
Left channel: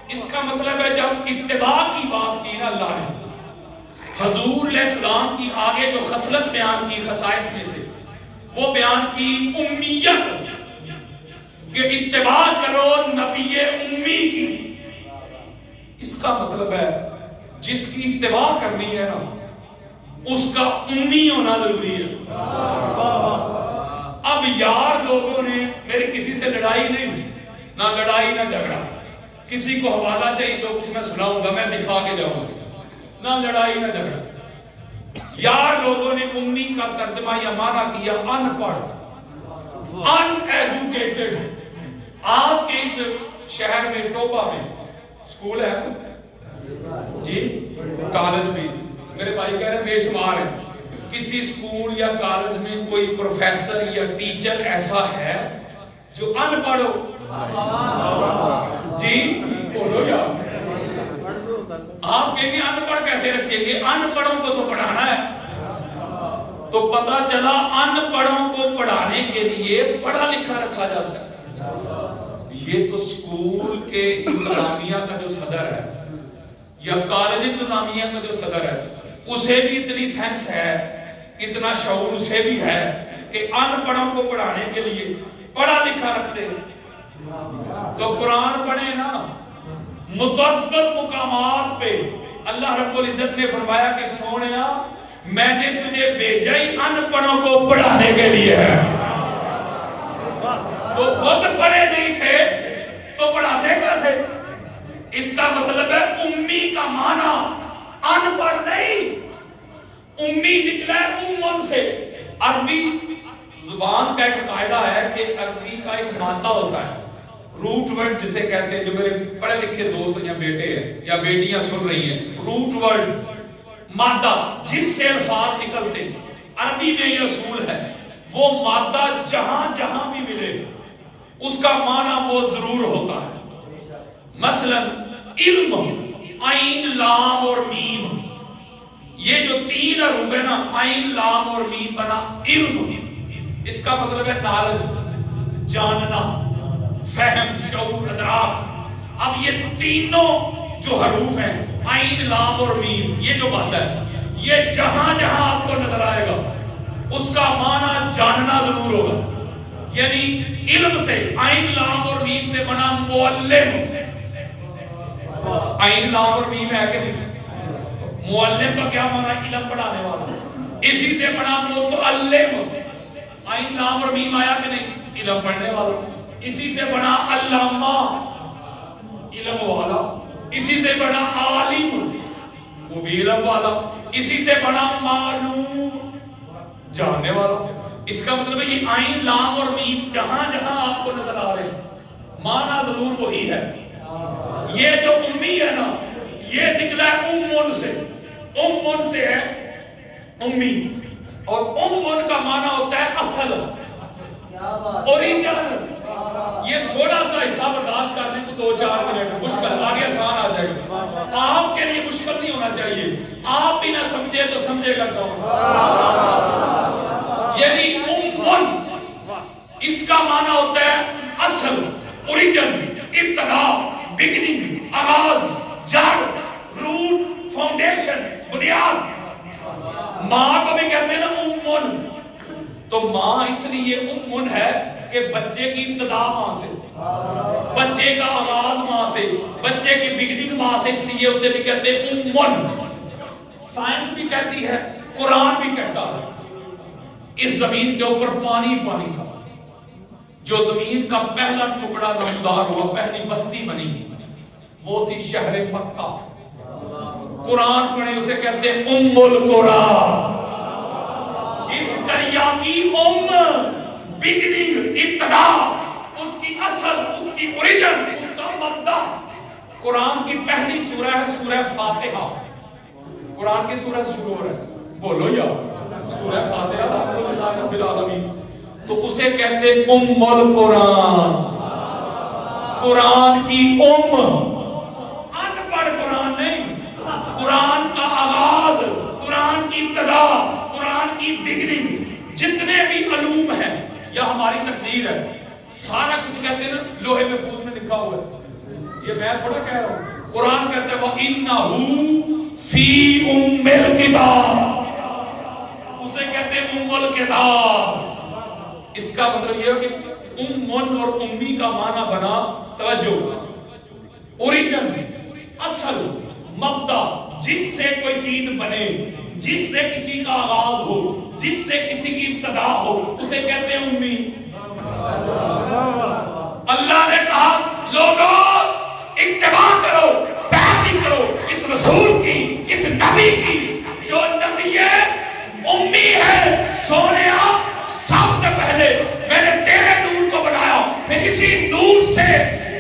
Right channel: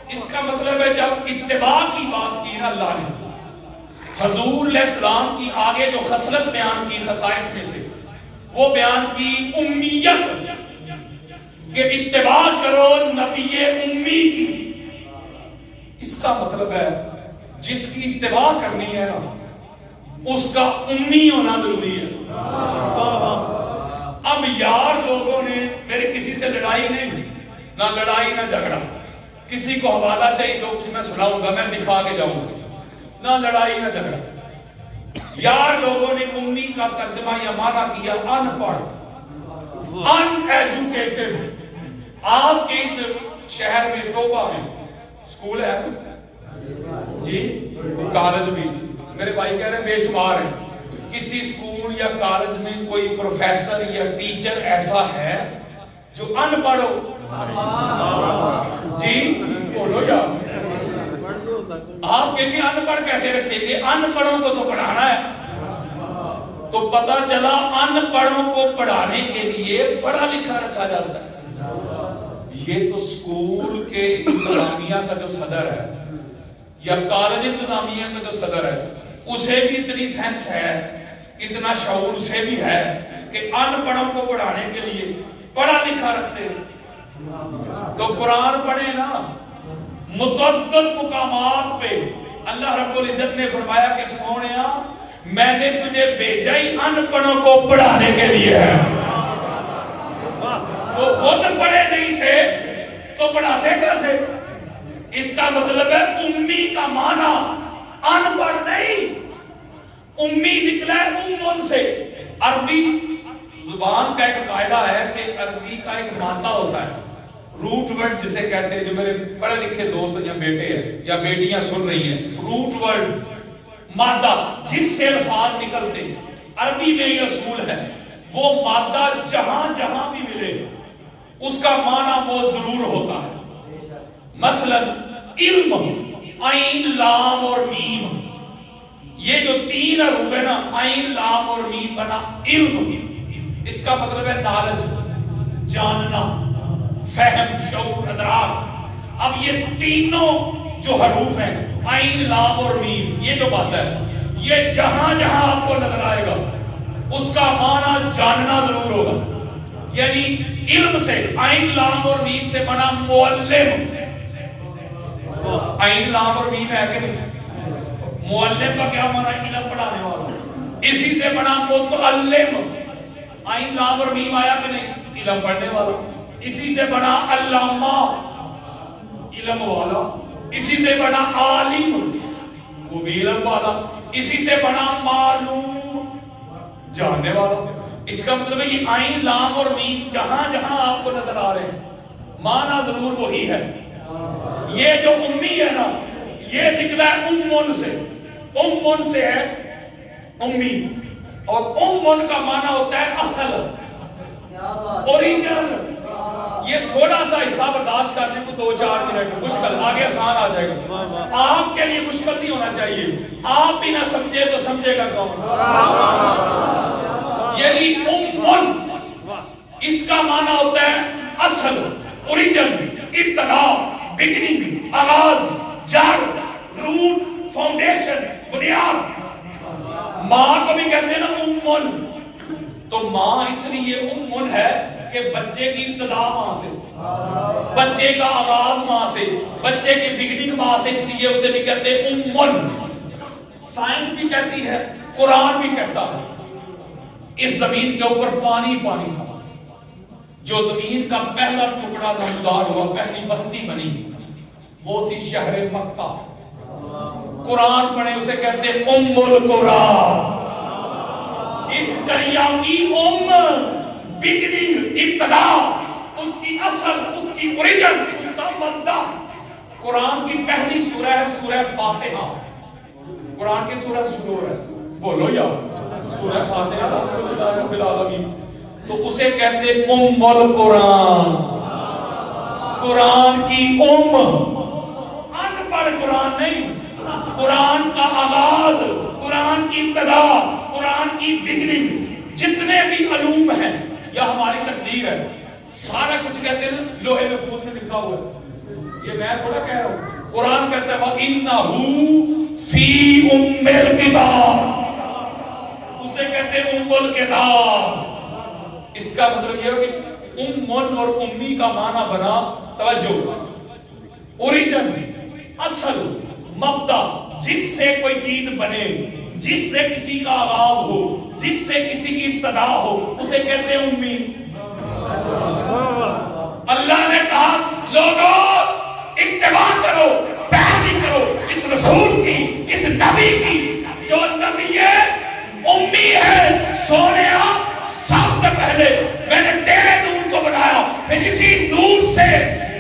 اس کا مطلب ہے جب اتباع کی بات کی نا اللہ نے، حضور علیہ السلام کی آگے جو خصلت بیان کی خصائص میں سے، وہ بیان کی امیت، کہ اتباع کرو نبی امی کی۔ اس کا مطلب ہے جس کی اتباع کرنی ہے نا، اس کا امی ہونا ضروری ہے۔ اب یار لوگوں نے، میری کسی سے لڑائی نہیں، نہ لڑائی نہ جھگڑا، کسی کو حوالہ چاہیے تو کچھ میں سناؤں گا، میں دکھا کے جاؤں گا، نہ لڑائی نہ جھگڑا۔ یار لوگوں نے امی کا ترجمہ یا معنی کیا ان پڑھ، ان ایجوکیٹڈ۔ آپ کے اس شہر میں ٹوبہ میں سکول ہے جی، کالج بھی، میرے بھائی کہہ رہے ہیں بے شمار ہیں، کسی سکول یا کالج میں کوئی پروفیسر یا ٹیچر ایسا ہے جو ان پڑھ ہو؟ جی بولو یا آپ کہیں گے ان پڑھ کیسے رکھیں گے؟ ان پڑھوں کو تو پڑھانا ہے۔ تو پتا چلا ان پڑھوں کو پڑھانے کے لیے پڑھا لکھا رکھا جاتا ہے۔ یہ تو سکول کے انتظامیہ کا جو صدر ہے یا کالج انتظامیہ کا جو صدر ہے، اسے بھی اتنی سینس ہے، اتنا شعور اسے بھی ہے کہ ان پڑھوں کو پڑھانے کے لیے پڑھا لکھا رکھتے ہیں۔ تو قرآن پڑھے نا، متعدد مقامات پہ اللہ رب العزت نے فرمایا کہ سونیا میں نے تجھے بھیجا ہی ان پڑھوں کو پڑھانے کے لیے ہے۔ تو خود پڑھے نہیں تھے تو پڑھاتے کیسے؟ اس کا مطلب ہے امی کا معنی ان پڑھ نہیں، امی نکلا ہے امن سے۔ عربی زبان کا ایک قاعدہ ہے کہ عربی کا ایک مادہ ہوتا ہے، روٹ ورڈ جسے کہتے ہیں، جو میرے پڑھے لکھے دوست یا بیٹے ہیں یا بیٹیاں سن رہی ہیں، روٹ ورڈ مادہ جس سے الفاظ نکلتے ہیں، عربی میں یہ اصول ہے، وہ مادہ جہاں جہاں بھی ملے اس کا معنی وہ ضرور ہوتا ہے۔ مثلا علم، عین لام اور میم، یہ جو تین حروف ہے نا، عین لام اور میم بنا علم، اس کا مطلب ہے نالج، جاننا، فہم، شعور، ادراک۔ اب یہ تینوں جو حروف ہیں، عین لام اور میم، یہ جو بات ہے، یہ جہاں جہاں آپ کو نظر آئے گا اس کا معنی جاننا ضرور ہوگا۔ یعنی علم سے، عین لام اور میم سے بنا معلم، عین لام اور میم ہے کہ نہیں؟ معلم کا کیا معنی؟ علم پڑھانے والا۔ اسی سے بنا متعلم، عین لام اور میم آیا کہ نہیں؟ علم پڑھنے والا۔ اسی سے بنا علامہ، علم والا۔ اسی سے بنا عالم، وہ بھی علم والا۔ اسی سے بنا معلوم، جاننے والا۔ اس کا مطلب ہے یہ عین لام اور میم جہاں جہاں آپ کو نظر آ رہے ہیں معنی ضرور وہی ہے۔ یہ جو امی ہے نا، یہ نکلا ہے امن سے، امن سے ہے امی، اور امن کا معنی ہوتا ہے اصل، اوریجن۔ یہ تھوڑا سا حصہ برداشت کرنے کو 2-4 منٹ مشکل، آگے آسان آ جائے گا۔ آپ کے لیے مشکل نہیں ہونا چاہیے، آپ بھی نہ سمجھے تو سمجھے گا کون؟ یعنی امن، اس کا معنی ہوتا ہے اصل، اوریجن، ابتدا، بگننگ، آغاز، جڑ، روٹ، فاؤنڈیشن، بنیاد۔ ماں کو بھی کہتے ہیں نا امن، تو ماں اس لیے امن ہے کہ بچے کی ابتدا ماں سے، بچے کا آغاز ماں سے، بچے کی بگننگ ماں سے، اس لیے اسے بھی کہتے ہیں امن۔ سائنس بھی کہتی ہے، قرآن بھی کہتا ہے، اس زمین کے اوپر پانی پانی تھا، جو زمین کا پہلا ٹکڑا نمودار ہوا، پہلی بستی بنی، وہ تھی شہر مکہ۔ قرآن پڑھے اسے کہتے ہیں ام القرآن۔ اس دریا کی بگننگ، ابتدا، اس کی اصل، اس کی اوریجن، اس کا مبدا قرآن کی پہلی سورہ ہے سورہ فاتحہ۔ قرآن کی سورہ شروع ہے، بولو یا سورہ فاتحہ الحمدللہ رب العالمین، تو اسے کہتے ام القرآن۔ قرآن کی ان پڑھ قرآن نہیں، قرآن کا آغاز، قرآن کی ابتدا، قرآن کی بگننگ، جتنے بھی علوم ہیں یا ہماری تقدیر ہے، سارا کچھ کہتے ہیں نا لوہے محفوظ میں لکھا ہوا ہے، یہ میں تھوڑا کہہ رہا ہوں، قرآن کہتا ہے وَإِنَّهُ فِي أُمِّ الْكِتَابِ، اسے کہتے ہیں ام الکتاب۔ اس کا مطلب یہ ہو کہ امن اور امی کا معنی بنا توجہ، اوریجن، اصل، مبدا، جس سے کوئی چیز بنے، جس سے کسی کا آغاز ہو، جس سے کسی کی ابتدا ہو، اسے کہتے ہیں امی۔ اللہ نے کہا لوگوں اتباع کرو، پیروی کرو اس رسول کی، اس نبی کی، جو نبی امی ہے۔ سونیا سب سے پہلے میں نے تیرے نور کو بنایا، پھر اسی نور سے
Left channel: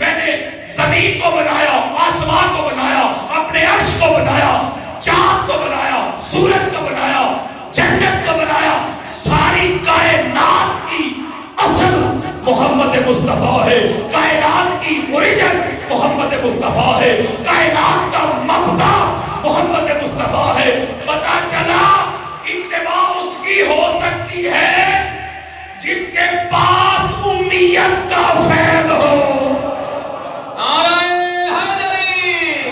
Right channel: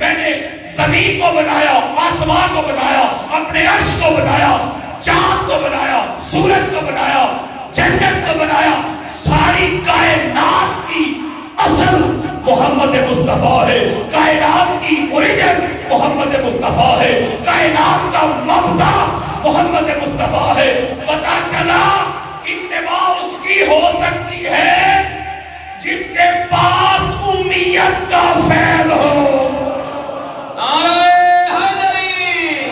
میں نے زمین کو بنایا، آسمان کو بنایا، اپنے عرش کو بنایا، چاند کو بنایا، سورج کو بنایا، جنت کو بنایا۔ ساری کائنات کی اصل محمد مصطفیٰ ہے، کائنات کی اوریجن محمد مصطفیٰ ہے، کائنات کا مبدا محمد مصطفیٰ ہے۔ پتا چلا اتباع اس کی ہو سکتی ہے جس کے پاس امیت کا فیض ہو۔ نعرہ حیدری،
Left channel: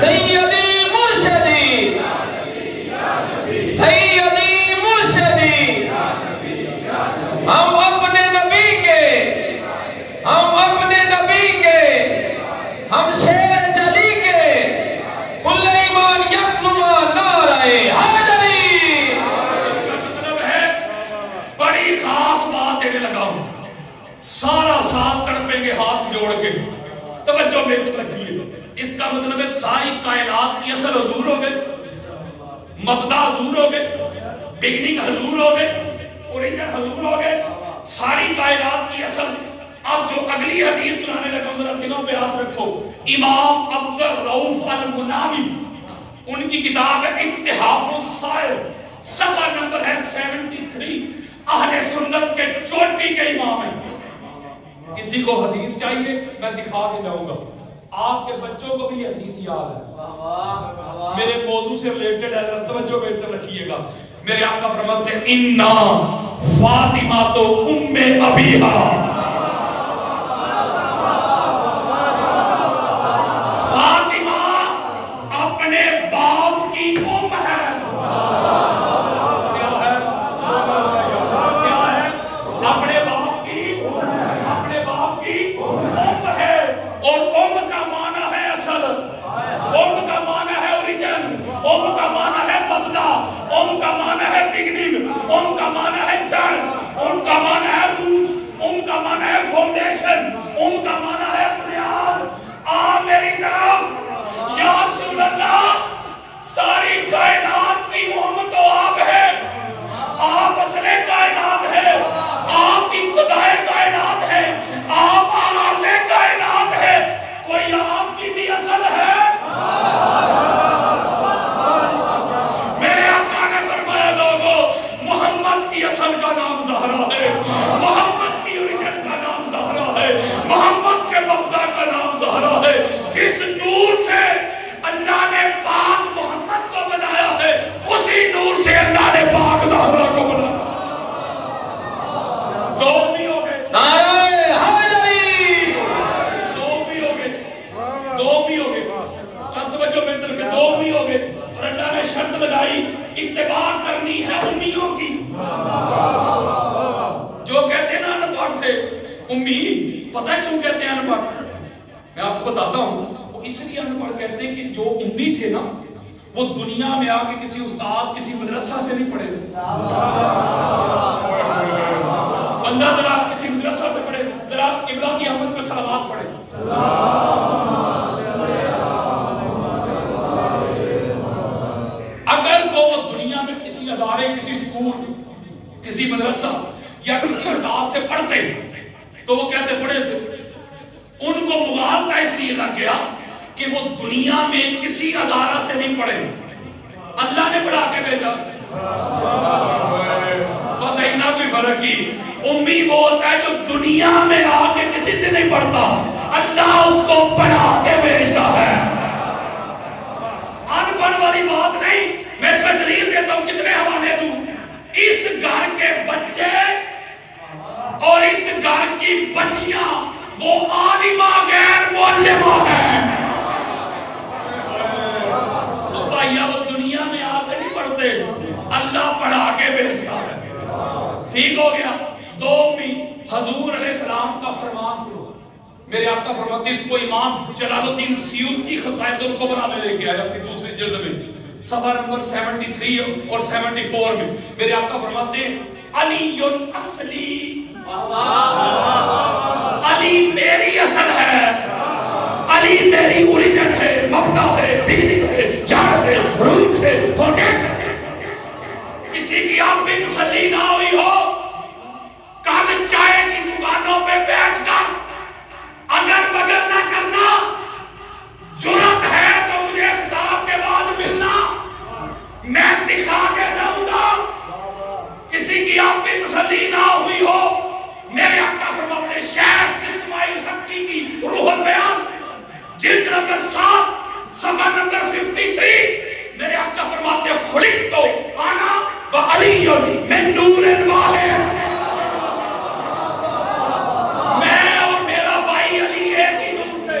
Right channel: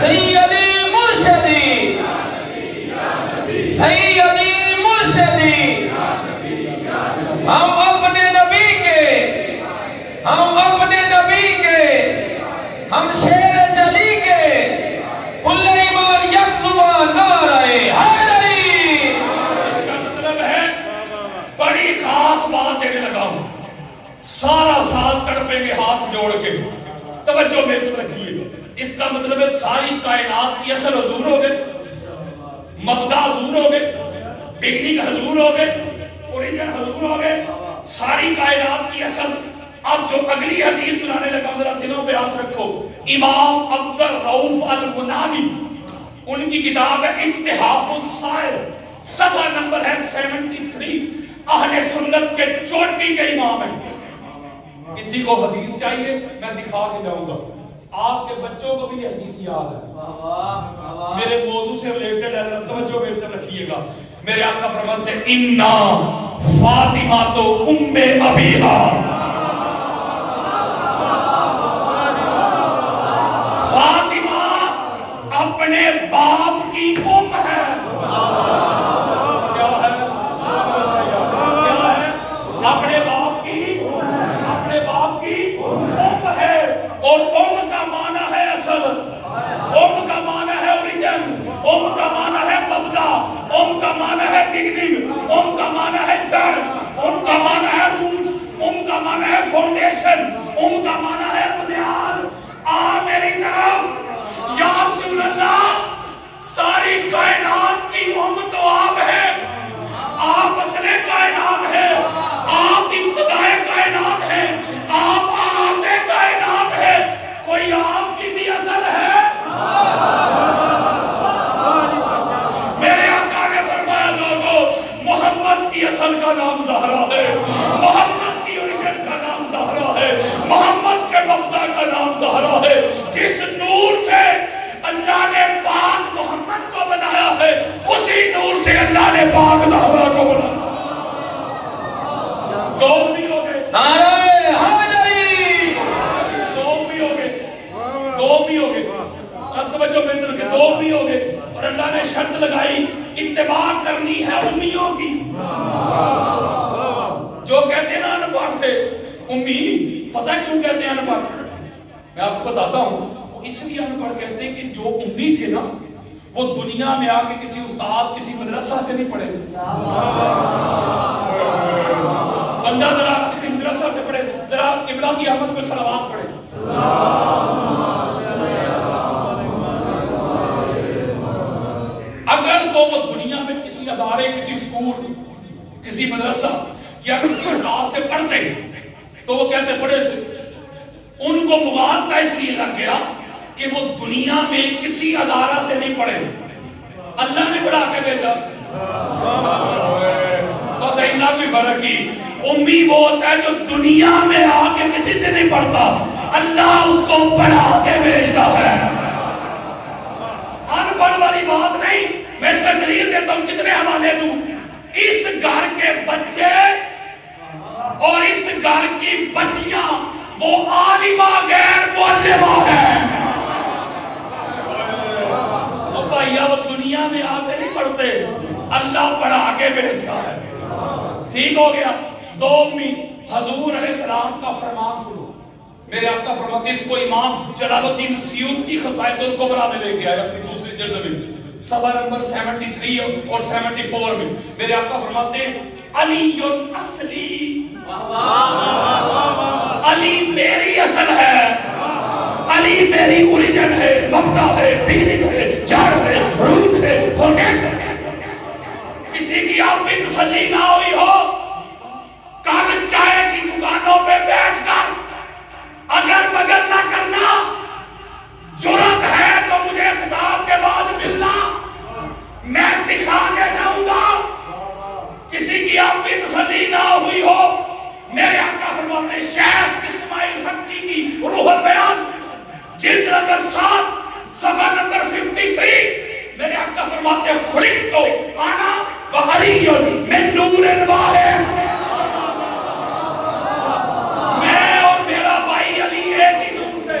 سیدی مرشدی، سیدی مرشدی، ہم اپنے نبی کے، ہم اپنے نبی کے، ہم شیر چلی کے، کل ایمان یکلما نعرہ حیدری۔ اس کا مطلب ہے بڑی خاص بات دینے لگا ہوں، سارا سال تڑپیں گے ہاتھ جوڑ کے، توجہ میرے طرف رکھیے۔ اس کا مطلب ہے ساری کائنات کی اصل حضور ہو گئے، مبدا حضور ہو گئے، بگننگ حضور ہو گئے، اوریجن حضور ہو گئے، ساری کائنات کی اصل۔ اب جو اگلی حدیث سنانے لگا ہوں ذرا دلوں پہ ہاتھ رکھو۔ امام عبد الرؤف المناوی، ان کی کتاب ہے اتحاف السائر، صفحہ نمبر ہے 73۔ اہل سنت کے چوٹی کے امام ہیں۔ کسی کو حدیث چاہیے میں دکھا کے جاؤں گا، آپ کے بچوں کو بھی یہ حدیث یاد ہے، میرے موضوع سے ریلیٹڈ ہے، توجہ میری طرف رکھیے گا۔ میرے آقا فرماتے ہیں اِنَّا فاطمہ تو ام ابیہا، فاطمہ اپنے باپ کی ام ہے۔ ان کا معنی ہے روٹ، ان کا معنی ہے فاؤنڈیشن، ان کا معنی ہے بنیاد۔ آ میری طرف یا رسول اللہ، ساری کائنات کی ام تو آپ ہے، آپ اصل کائنات ہے، آپ ابتدائے کائنات ہے، آپ آغاز کائنات ہے، کوئی آپ کی بھی اصل ہے؟ میرے آقا نے فرمایا لوگوں محمد کی اصل کا نام زہرا ہے، محمد کی اوریجن کا نام زہرا ہے، محمد کے مبدا کا نام زہرا ہے۔ جس نور سے اللہ نے پاک محمد کو بنایا ہے، اسی نور سے اللہ نے پاک زہرا کو بنایا۔ دو بھی ہو گئے، نعرہ حیدری، دو بھی ہو گئے، دو بھی ہو گئے، توجہ میری طرف، دو بھی ہو گئے۔ اور اللہ نے شرط لگائی اتباع کرنی ہے امیوں کی۔ جو کہتے ہیں نا ان پڑھ تھے امی، پتہ ہے کیوں کہتے ہیں ان پڑھ؟ میں آپ کو بتاتا ہوں، وہ اس لیے ان پڑھ کہتے ہیں کہ جو امی تھے نا وہ دنیا میں آ کے کسی استاد کسی مدرسہ سے نہیں پڑھے، بندہ ذرا کسی مدرسہ سے پڑھے، کی آمد پہ صلوات پڑھیں. اگر تو وہ دنیا میں کسی ادارے, کسی اسکول, کسی مدرسہ یا کسی ادارے سے پڑھتے تو وہ کہتے پڑھے تھے. ان کو مغالطہ اس لیے لگ گیا کہ وہ دنیا میں کسی ادارہ سے نہیں پڑھے, اللہ نے پڑھا کے بھیجا. بس اتنا بھی فرق ہی. امی وہ ہوتا ہے جو دنیا میں آ کے کسی سے نہیں پڑھتا, اللہ اس کو پڑھا کے بھیجتا ہے. ان پڑھ والی بات نہیں. میں اس میں دلیل دیتا ہوں, کتنے حوالے دوں. اس گھر کے بچے اور اس گھر کی بچیاں وہ عالمہ غیر معلمہ ہیں. تو بھائیا وہ دنیا میں آ کے نہیں پڑھتے, اللہ پڑھا کے بھیجتا ہے. ٹھیک ہو گیا. دو امی حضور علیہ السلام کا فرمان سنو. میرے آقا فرماتے اس کو امام جلال الدین سیوطی خصائص الکبریٰ میں لے کے آیا اپنی دوسری جلد میں, صفحہ نمبر 73 اور 74 میں. میرے آقا فرماتے ہیں علی اصلی, علی میری اصل ہے, علی میری اوریجن ہے, مبدا ہے, بگننگ ہے, جڑ ہے, روٹ ہے, فاؤنڈیشن ہے. کسی کی آپ بھی تسلی نہ ہوئی ہو, کل چائے کی دکانوں پہ بیٹھ کر اگر مگر نہ کرنا, جرات ہے تو مجھے خطاب کے بعد ملنا, میں دکھا کے جاؤں گا. کسی کی آپ بھی تسلی نہ ہوئی ہو, میرے آقا فرماتے شیخ اسماعیل حقی کی روح البیان جلد نمبر 7 صفحہ نمبر 53, میرے آقا فرماتے خلقت انا وعلی من نور واحد. میں اور میرا بھائی علی ایک ہی نور سے.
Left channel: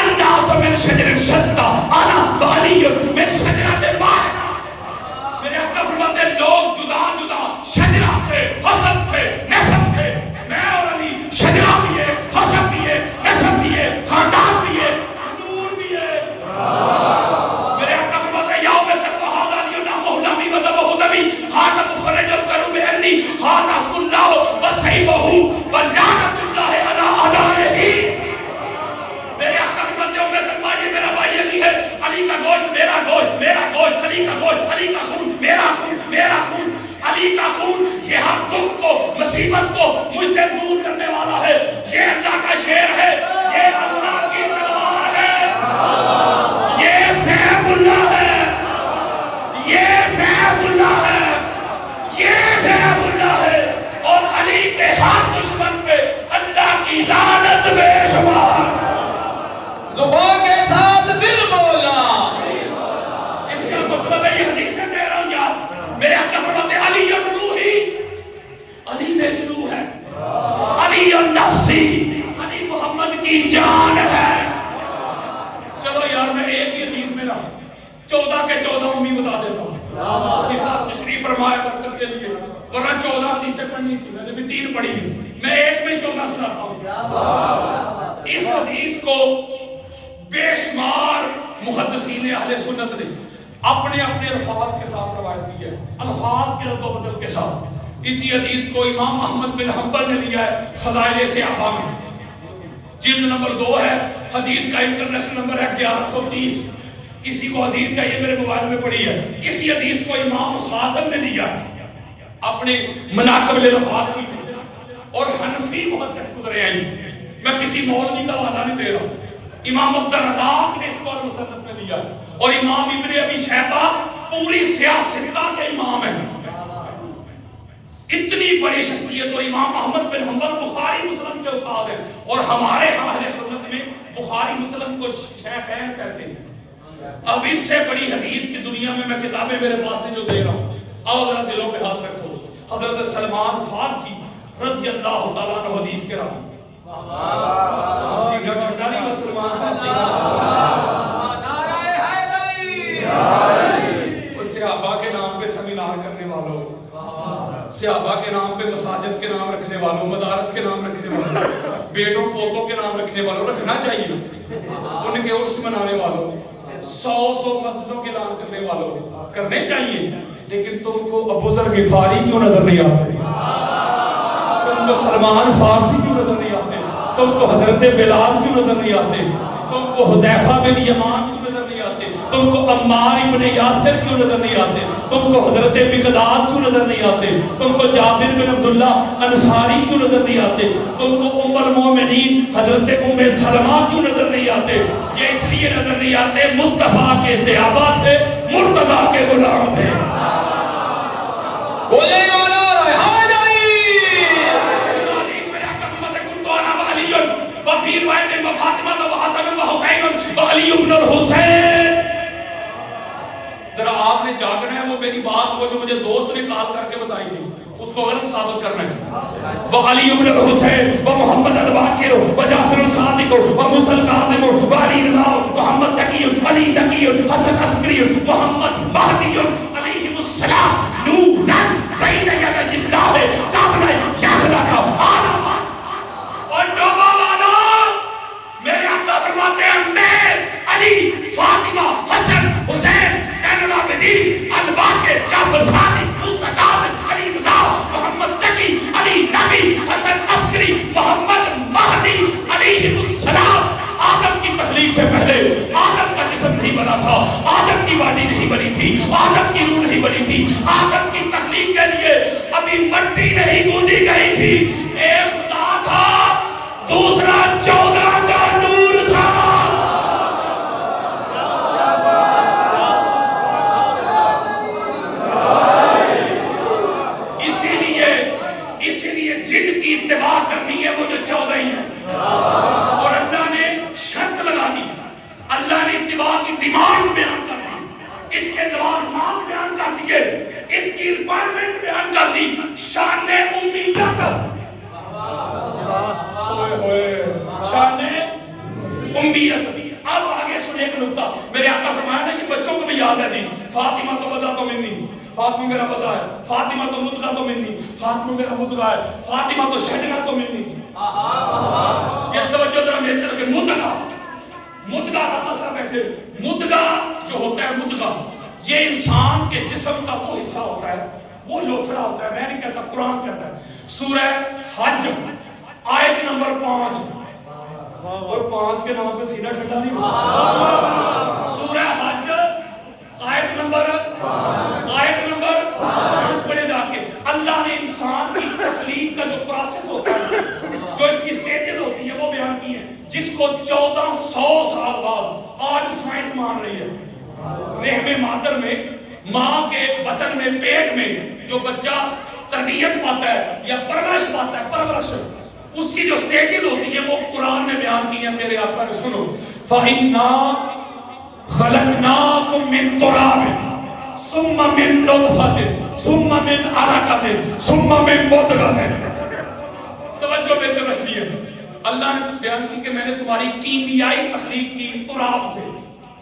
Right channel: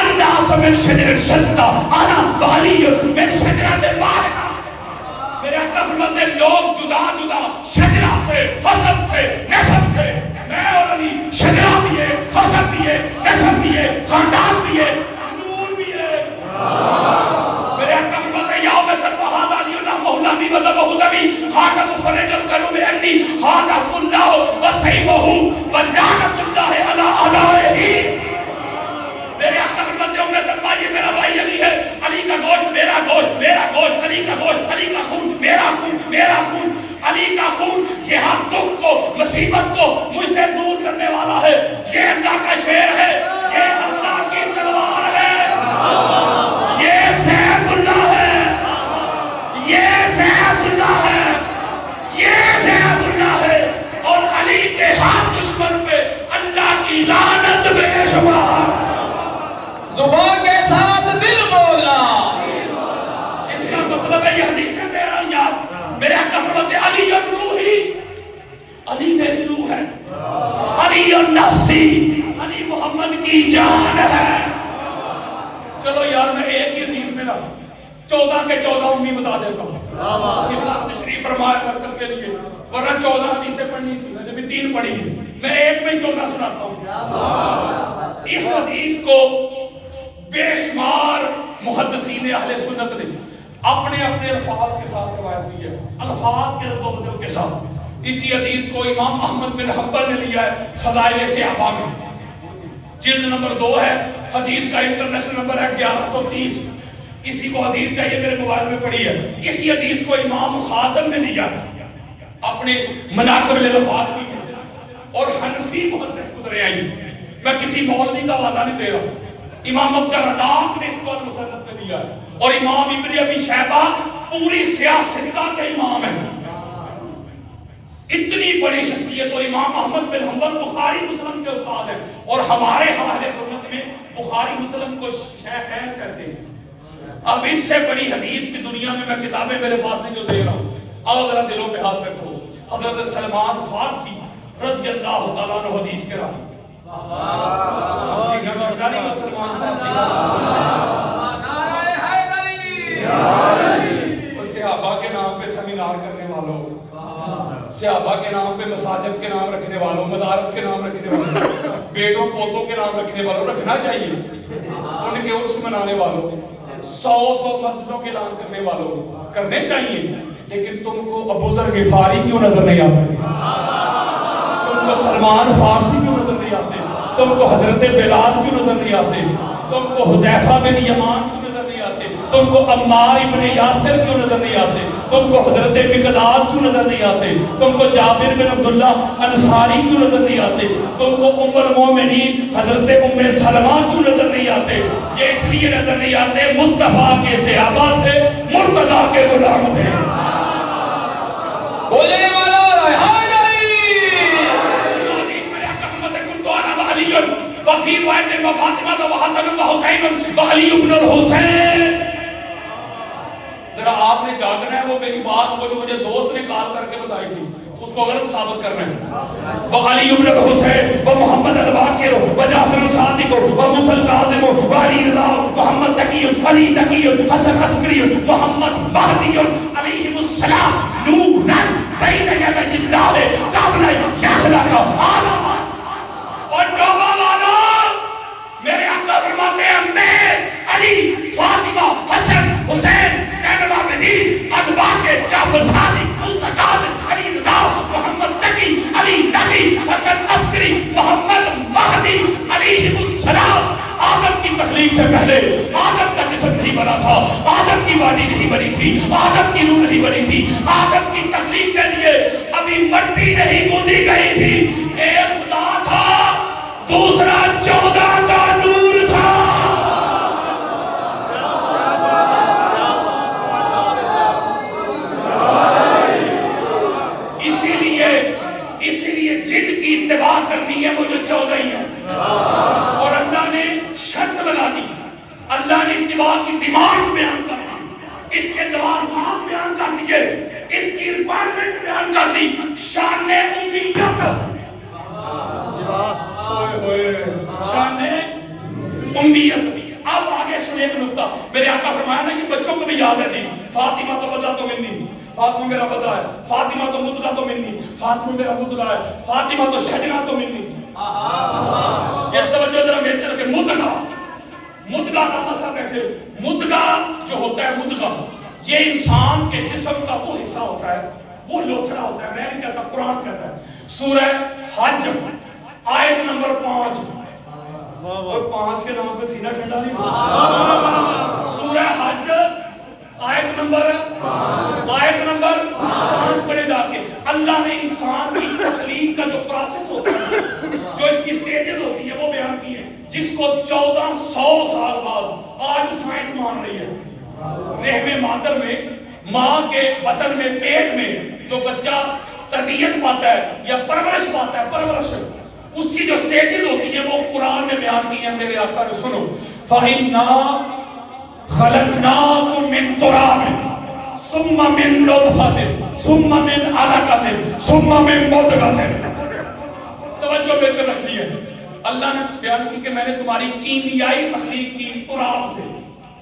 الناس من شجر شتى انا وعلی من شجرۃ واحدہ. میرے آقا فرماتے لوگ جدا جدا شجرہ سے, حسب سے, نسب سے, میں اور علی شجرہ بھی ہے, حسب بھی ہے, نسب بھی ہے, خاندان بھی ہے, نور بھی ہے. میرے آقا فرماتے یوم سلوہ هذا علی نامہ نامی وذبہ دمی هذا مفرج الکروب عنی هذا اسم اللہ وسیفہ ولعنۃ اللہ علی اعدائہ. میرے آقا فرماتے ہو میں سلمہ یہ میرا بھائی علی ہے, علی کا گوشت میرا گوشت, میرا گوشت علی کا گوشت, علی کا خون میرا خون, میرا خون علی کا خون. یہ ہم دکھ کو, مصیبت کو مجھ سے دور کرنے والا ہے. یہ اللہ کا شعر ہے, یہ اللہ کی تلوار ہے, یہ سیف اللہ ہے, یہ سیف اللہ ہے, یہ سیف اللہ ہے. اور علی کے ہر دشمن پہ اللہ کی لعنت بے شمار. زبان کے ساتھ دل بولا. اس کا مطلب ہے یہ حدیثیں دے رہا ہوں یار. میرے آقا فرماتے علی روحی, علی میری روح ہے, علی نفسی, علی محمد کی جان ہے. چلو یار میں ایک ہی حدیث میں رہا 14 کے 14 امی بتا دیتا ہوں. تشریف فرمایا برکت کے لیے, ورنہ 14 حدیثیں پڑھنی تھی, میں نے بھی 3 پڑھی ہیں, میں ایک میں 14 سناتا ہوں. اس حدیث کو بے شمار محدثین اہل سنت نے اپنے اپنے الفاظ کے ساتھ روایت کی ہے, الفاظ کے رد و بدل کے ساتھ. اسی حدیث کو امام احمد بن حنبل نے لیا ہے فضائل صحابہ میں, جلد نمبر 2 ہے. حدیث کا انٹرنیشنل نمبر ہے 1130. کسی کو حدیث چاہیے میرے موبائل میں پڑھی ہے. اسی حدیث کو امام خازم نے لیا اپنے مناقب الالفاظ میں, اور حنفی محدث گزرے ہیں. میں کسی مولوی کا حوالہ نہیں دے رہا. امام عبد الرزاق نے اس کو المصنف میں لیا, اور امام ابن ابی شیبہ پوری سیاستہ کے امام ہیں. اتنی بڑی شخصیت. اور امام احمد بن حنبل بخاری مسلم کے استاد ہیں, اور ہمارے اہل سنت میں بخاری مسلم کو شیخین کہتے ہیں. اب اس سے بڑی حدیث کی دنیا میں میں کتابیں میرے پاس نہیں جو دے رہا ہوں, اور ذرا دلوں پہ ہاتھ رکھو. حضرت سلمان فارسی رضی اللہ تعالیٰ عنہ حدیث کے راوی. سلمان فارسی صحابہ کے نام پہ سیمینار کرنے والوں, صحابہ کے نام پہ مساجد کے نام رکھنے والوں, مدارس کے نام رکھنے والوں, بیٹوں پوتوں کے نام رکھنے والوں, رکھنا چاہیے. ان کے عرس منانے والوں, 100 مسجدوں کے اعلان کرنے والوں کرنے چاہیے. لیکن تم کو ابو ذر غفاری کیوں نظر نہیں آتے؟ تم تم کو سلمان فارسی کیوں نظر نہیں آتے؟ تم کو حضرت بلال کیوں نظر نہیں آتے؟ تم کو حذیفہ بن یمان کیوں نظر نہیں آتے؟ تم کو عمار ابن یاسر کیوں نظر نہیں آتے؟ تم کو حضرت مقداد کیوں نظر نہیں آتے؟ تم کو جابر بن عبداللہ انصاری کیوں نظر نہیں آتے؟ تم کو ام المومنین حضرت ام سلمہ کیوں نظر نہیں آتے؟ یہ اس لیے نظر نہیں آتے مصطفیٰ کے صحابہ تھے، مرتضیٰ کے غلام تھے۔ بولے والا وفی روایت و فاطمہ و حسن و حسین و علی بن الحسین۔ ذرا آپ نے جاگنا ہے، وہ میری بات وہ جو مجھے دوست نے کال کر کے بتائی تھی اس کو غلط ثابت کرنا ہے۔ وہ علی بن الحسین و محمد الباقر و جعفر الصادق و موسی الکاظم و علی رضا محمد تقی علی تقی حسن عسکری محمد مہدی علیہم السلام نورا بین یدی اللہ قبل یخلق آدم۔ اور توبہ والا میرے آقا فرماتے ہیں میں علی فاطمہ حسن حسین زین العابدین الباقر جعفر صادق موسی کاظم علی رضا محمد تقی علی نقی حسن عسکری محمد مہدی علیہ السلام۔ آدم کی تخلیق سے پہلے آدم کا جسم نہیں بنا تھا، آدم کی باڈی نہیں بنی تھی، آدم کی روح نہیں بنی تھی، آدم کی تخلیق کے لیے ابھی مٹی نہیں گوندی گئی تھی۔ ایک خدا تھا، دوسرا 14 کا نور تھا۔ اسی لیے جن کی اتباع کرنی ہے وہ جو 14 ہی ہے، اور اللہ نے شرط لگا دی، اللہ نے اتباع کی ڈیمانڈ بیان کر دی، اس کے لوازمات بیان کر دیے، اس کی ریکوائرمنٹ بیان کر دی، شان امیت، شان امیت۔ اب آگے سنیں ایک نکتہ، میرے آقا فرمایا نا کہ بچوں کو بھی یاد ہے حدیث، فاطمہ تو بدلا تو منی، فاطمہ میرا بدلا ہے، فاطمہ تو مدغہ تو منی، فاطمہ میرا مدغہ ہے، فاطمہ تو شجرہ تو منی۔ یہ توجہ ذرا میرے طرف کہ مدغہ کا مسئلہ بیٹھے، مدغہ جو ہوتا ہے مدغہ، یہ انسان کے جسم کا وہ حصہ ہوتا ہے، وہ لوتھڑا ہوتا ہے، میں نہیں کہتا قرآن کہتا ہے۔ سورہ حج آیت نمبر 5، اور 5 کے نام پہ سینہ ٹھنڈا نہیں ہوتا۔ سورہ حج آیت نمبر 5 پڑھے جا کے اللہ نے انسان کی تخلیق کا جو پروسیس ہوتا ہے، جو اس کی سٹیجز ہوتی ہے وہ بیان کی ہے، جس کو 1400 سال بعد آج سائنس مان رہی ہے۔ رحم مادر میں، ماں کے بطن میں، پیٹ میں جو بچہ تربیت پاتا ہے یا پرورش پاتا ہے، پرورش اس کی جو سٹیجز ہوتی ہیں وہ قرآن میں بیان کی ہیں۔ میرے آقا نے سنو، فَإِنَّا خَلَقْنَاكُم مِّن تُرَابٍ ثُمَّ مِّن نُطْفَةٍ ثُمَّ مِّن عَلَقَةٍ ثُمَّ مِّن مُضْغَةٍ۔ توجہ بے طرف رکھیے، اللہ نے بیان کی کہ میں نے تمہاری کیمیائی تخلیق کی تراب سے،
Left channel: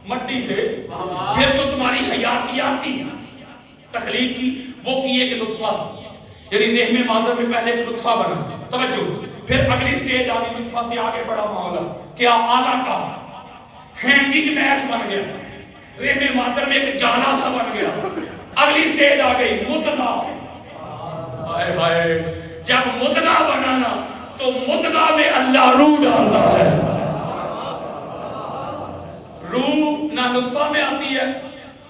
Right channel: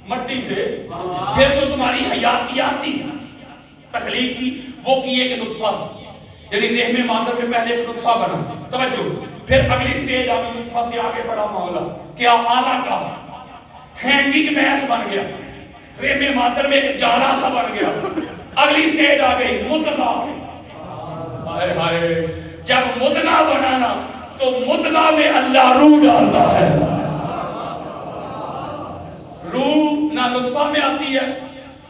مٹی سے، پھر جو تمہاری حیاتیاتی تخلیق کی وہ کی ایک نطفہ سے، یعنی رحم مادر میں پہلے ایک نطفہ بنا، توجہ، پھر اگلی سٹیج آگی، نطفہ سے آگے بڑا معاملہ کیا آلہ کا ہینگنگ میس بن گیا، رحم مادر میں ایک جالا سا بن گیا، اگلی سٹیج آ گئی مدغہ۔ ہائے ہائے، جب مدغہ بنانا تو مدغہ میں اللہ روح ڈالتا ہے، روح نہ نطفہ میں آتی ہے،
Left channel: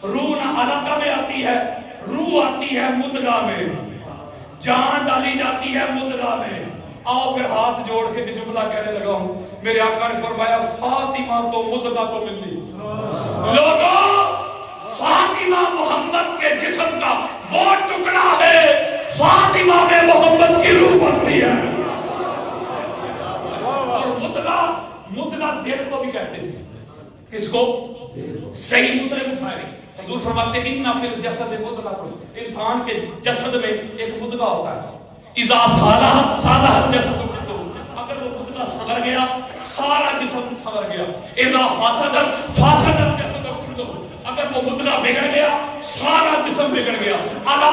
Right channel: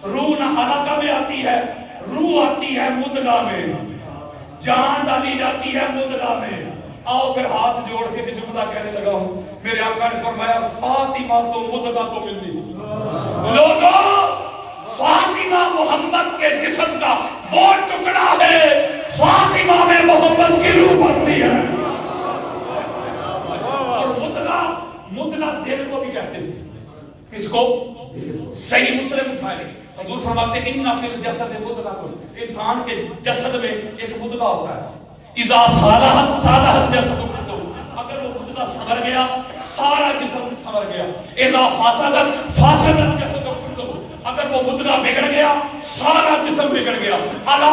روح نہ علقہ میں آتی ہے، روح آتی ہے مدغہ میں، جان ڈالی جاتی ہے مدغہ میں۔ آؤ پھر ہاتھ جوڑ کے جملہ کہنے لگا ہوں، میرے آقا نے فرمایا فاطمہ تو مدغہ تو منی۔ لوگوں، فاطمہ محمد کے جسم کا وہ ٹکڑا ہے، فاطمہ میں محمد کی روح بستی ہے۔ اور مدغہ دل کو بھی کہتے ہیں، کس کو؟ صحیح مسلم اٹھائے، حضور فرماتے ہیں اِنَّ فِي الْجَسَدِ مُضْغَةٌ، انسان کے جسد میں ایک مدغہ ہوتا ہے، اذا صالح الجسد كله، اگر وہ مدغہ سنور گیا سارا جسم سنور گیا، اذا فاسد الجسد كله، اگر وہ مدغہ بگڑ گیا سارا جسم بگڑ گیا، الا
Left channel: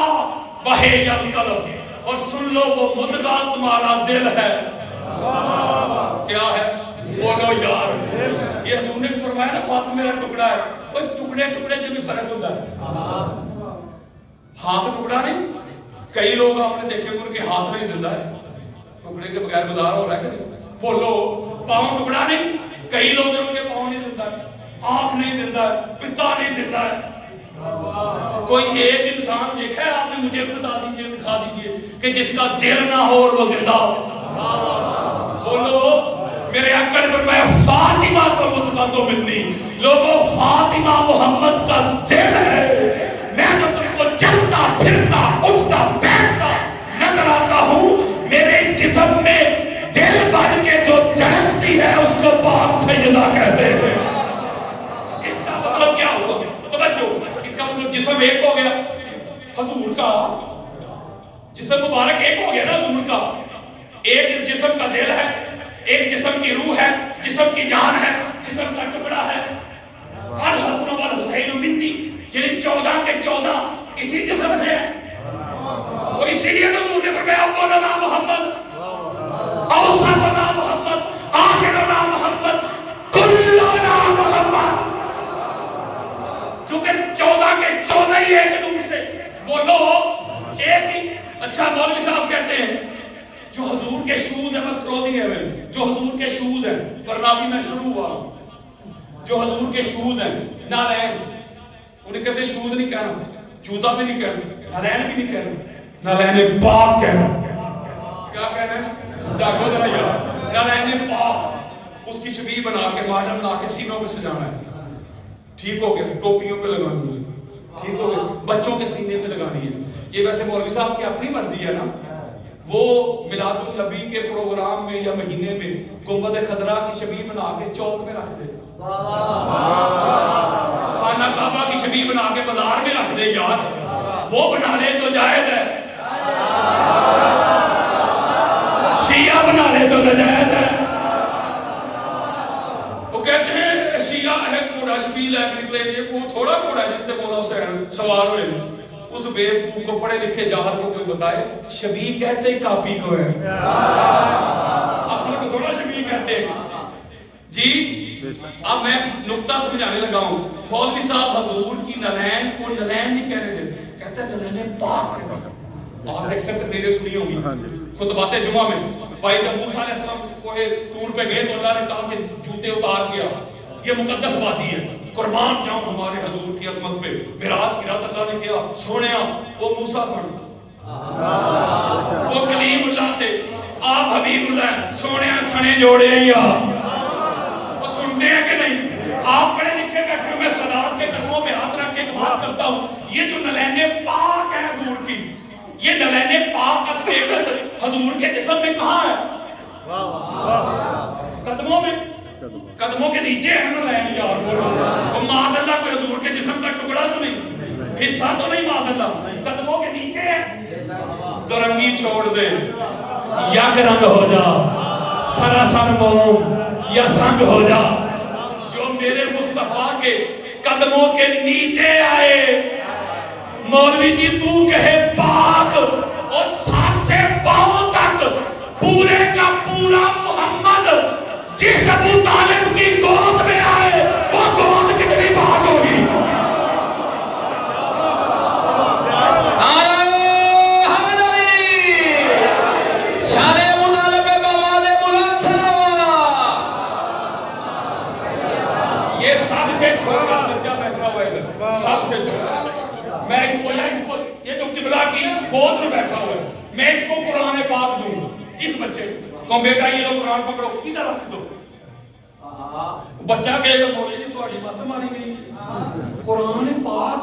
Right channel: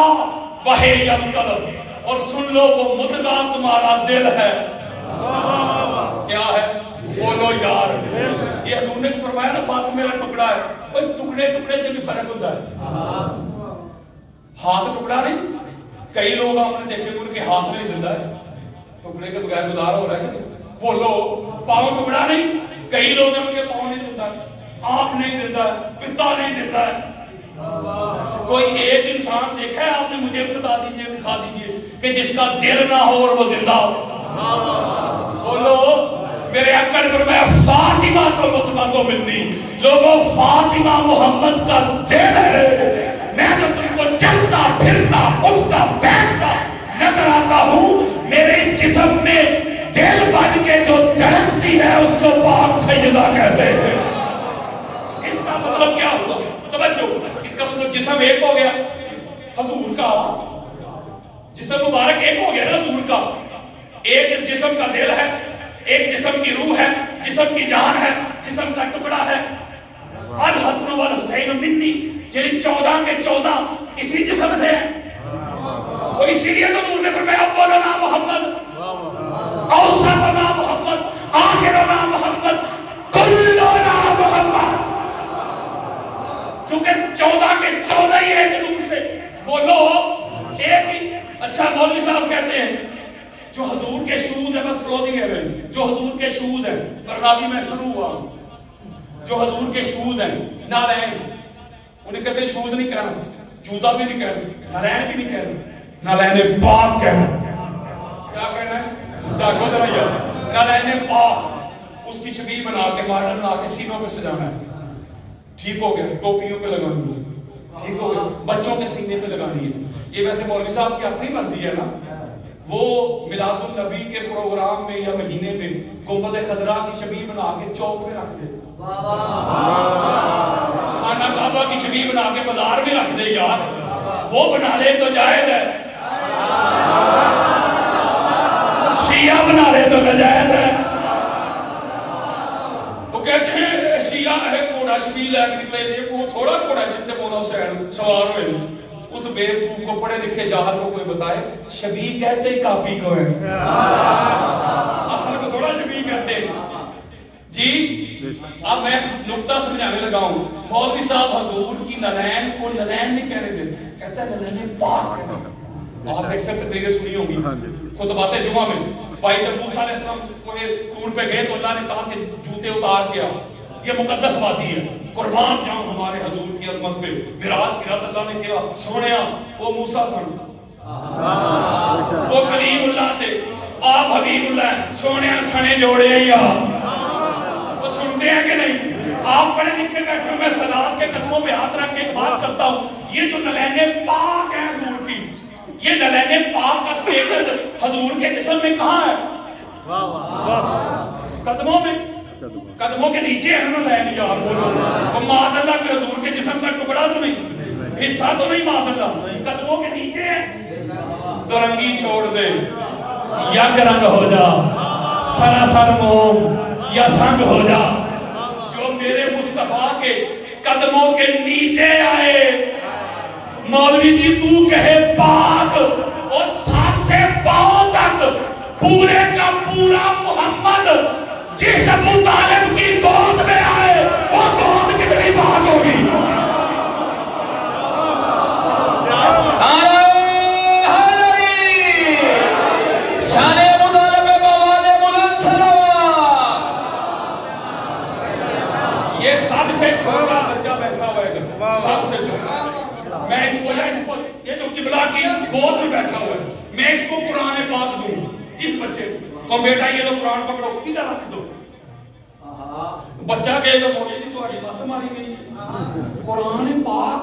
وهي القلب، اور سن لو وہ مدغہ تمہارا دل ہے۔ کیا ہے؟ بولو یار، یہ حضور نے فرمایا نا فاطمہ میرا ٹکڑا ہے، وہ ٹکڑے ٹکڑے سے بھی فرق ہوتا ہے، ہاتھ ٹکڑا نہیں، کئی لوگ آپ نے دیکھے ان کے ہاتھ میں زندہ ہے، ٹکڑے کے بغیر گزارا ہو رہا ہے کہ بولو پاؤں ٹکڑا نہیں. کئی لوگ ان کے پاؤں نہیں دیتا, آنکھ نہیں دیتا, پتا نہیں دیتا ہے. کوئی ایک انسان دیکھا ہے آپ نے؟ مجھے بتا دیجئے, دکھا دیجئے کہ جس کا دل نہ ہو اور وہ زندہ ہو. بولو میرے اکڑ پر میں فاطمہ کو مطلع تو ملنی. لوگوں فاطمہ محمد کا دل ہے. میں جو تم کو چلتا پھرتا اٹھتا بیٹھتا نظر آتا ہوں, میرے جسم میں دل بن کے جو دھڑکتی ہے اس کو پاک سیدہ کہتے ہیں. اس کا مطلب کیا ہوا؟ توجہ, اس کا مطلب جسم ایک ہو گیا حضور کا, جسم مبارک ایک ہو گیا نا حضور کا. ایک اس جسم کا دل ہے, ایک جسم کی روح ہے, جسم کی جان ہے, جسم کا ٹکڑا ہے. الحسن والحسین منی, یعنی 14 کے 14 اسی جسم سے ہے. اور اسی لیے تو حضور نے فرمایا اولنا محمد, اوسطنا محمد, آخرنا محمد, کلنا محمد. کیونکہ 14 کے 14 ہی ایک روح سے. بولو ایک ہی. اچھا مولوی صاحب کہتے ہیں جو حضور کے شوز ہیں, بس کلوزنگ ہے بھائی, جو حضور کے شوز ہیں, برنامہ میں شروع ہوا, جو حضور کے شوز ہیں نالین, انہیں کہتے ہیں شوز نہیں کہنا, جوتا بھی نہیں کہنا, نالین بھی نہیں کہنا, نالین پاک کہنا. کیا کہنا ہے؟ جاگو ذرا یار, نالین پاک. اس کی شبیہ بنا کے ماڈل بنا کے سینوں پہ سجانا ہے. ٹھیک ہو گیا, ٹوپیوں پہ لگانی ہے. ٹھیک ہو گیا, بچوں کے سینے پہ لگانی ہے. یہ ویسے مولوی صاحب کی اپنی مرضی ہے نا, وہ میلاد النبی کے پروگرام میں یا مہینے میں گنبد خضرا کی شبیہ بنا کے چوک میں رکھ دے, خانہ کعبہ کی شبیہ بنا کے بازار میں رکھ دے. یار وہ بنا لے تو جائز ہے, شیعہ بنا لے تو ناجائز ہے. وہ کہتے ہیں شیعہ ہے گھوڑا شبیہ لے کے نکلے, وہ تھوڑا گھوڑا جتنے مولا حسین سوار ہوئے. اس بیوقوف کو پڑھے لکھے جاہل کو کوئی بتائے شبیہ کہتے ہی کاپی کو ہے, اصل کو تھوڑا شبیہ کہتے ہیں. جی اب میں نقطہ سمجھانے لگا ہوں. مولوی صاحب حضور کی نلین کو نلین نہیں کہنے دیتے, کہتا ہے نلین پاک ہے. آپ نے اکثر تقریریں سنی ہوگی خطبات جمعہ میں. بھائی جب موسیٰ علیہ السلام کوئی ٹور پہ گئے تو اللہ نے کہا کہ جوتے اتار کیا, یہ مقدس باتیں ہے, قربان جاؤں ہمارے حضور کی عظمت پہ. معراج کی رات اللہ نے کیا سونیا, وہ موسیٰ سن, وہ کلیم اللہ تھے, آپ حبیب اللہ سونیا سنے جوڑے یا وہ سنتے ہیں کہ نہیں؟ آپ پڑھے لکھے بیٹھے ہو, میں صلوات کے قدموں پہ ہاتھ رکھ کے ایک بات کرتا ہوں, یہ جو نلین پاک ہے حضور کی, یہ نلین پاک کا سٹیٹس حضور کے جسم میں کہاں ہے؟ قدموں میں, قدموں کے نیچے ہے نا نلین. یار بولو معاذ اللہ کوئی حضور کے جسم کا ٹکڑا تو نہیں, حصہ تو نہیں, معاذ اللہ قدموں کے نیچے ہے. تو رنگی چھوڑ دے, یک رنگ ہو جا, سراسر موم یا سنگ ہو جا. جو میرے مصطفیٰ کے قدموں کے نیچے آئے, مولوی جی تو کہے پاک, اور سر سے پاؤں تک پورے کا پورا محمد جس ابو طالب کی گود میں آئے, وہ گود کتنی پاک ہوگی. یہ سب سے چھوٹا بچہ بیٹھا ہوا ہے, سب سے چھوٹا. میں اس کو یہ جو قبلہ کی گود میں بیٹھا ہوا ہے, میں اس کو قرآن پاک دوں اس بچے کو. بیٹا یہ لو قرآن پکڑو, ادھر رکھ دو. بچہ کہے گا مولوی تھوڑی بات ماری گئی, قرآن پاک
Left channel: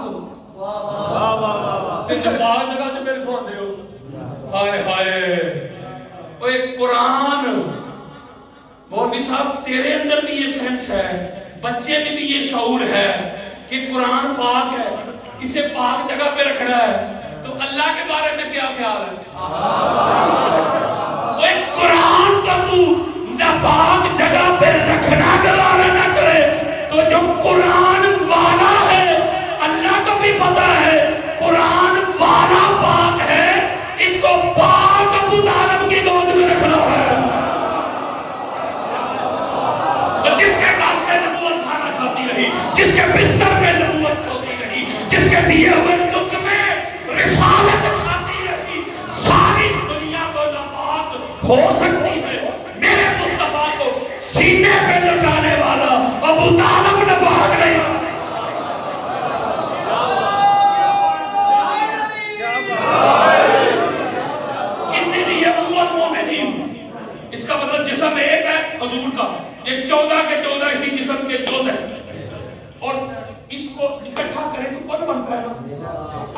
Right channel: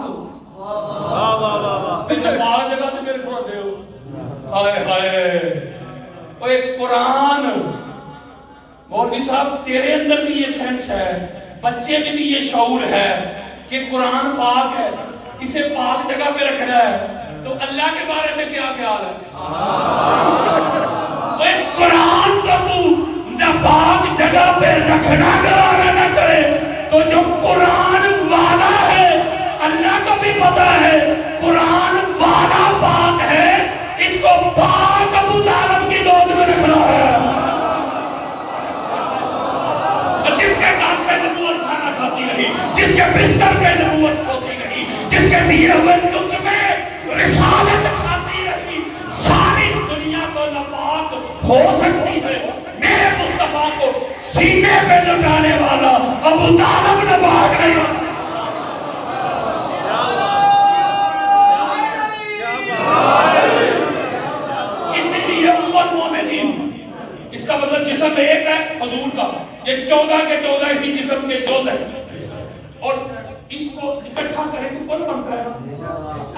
پاک جگہ سے میرے کو دے ہو. ہائے ہائے, اوے قرآن. مولوی صاحب تیرے اندر بھی یہ سینس ہے, بچے میں بھی یہ شعور ہے کہ قرآن پاک ہے, اسے پاک جگہ پہ رکھنا ہے, تو اللہ کے بارے میں کیا خیال ہے؟ قرآن کو تو پاک جگہ پہ رکھنا گوارا نہ کرے, تو جو قرآن والا ہے اللہ کو بھی پتا ہے قرآن والا پاک ہے, اس کو پاک ابو طالب کی گود میں رکھنا ہے. تو جس کے پاس سے نبوت کھانا کھاتی رہی, جس کے بستر پہ نبوت کھاتی رہی, جس کے دیے ہوئے لطف میں رسالت کھاتی رہی, ساری دنیا کو ناپاک ہو سکتی ہے میرے مصطفیٰ کو سینے پہ لٹانے والا ابو طالب نہ بھاگ نہیں. اسی لیے امت مومنین، اس کا مطلب جسم ایک ہے حضور کا، یہ 14 کے 14 اسی جسم کے جز ہیں، اور اس کو اکٹھا کرے تو کل بنتا ہے نا،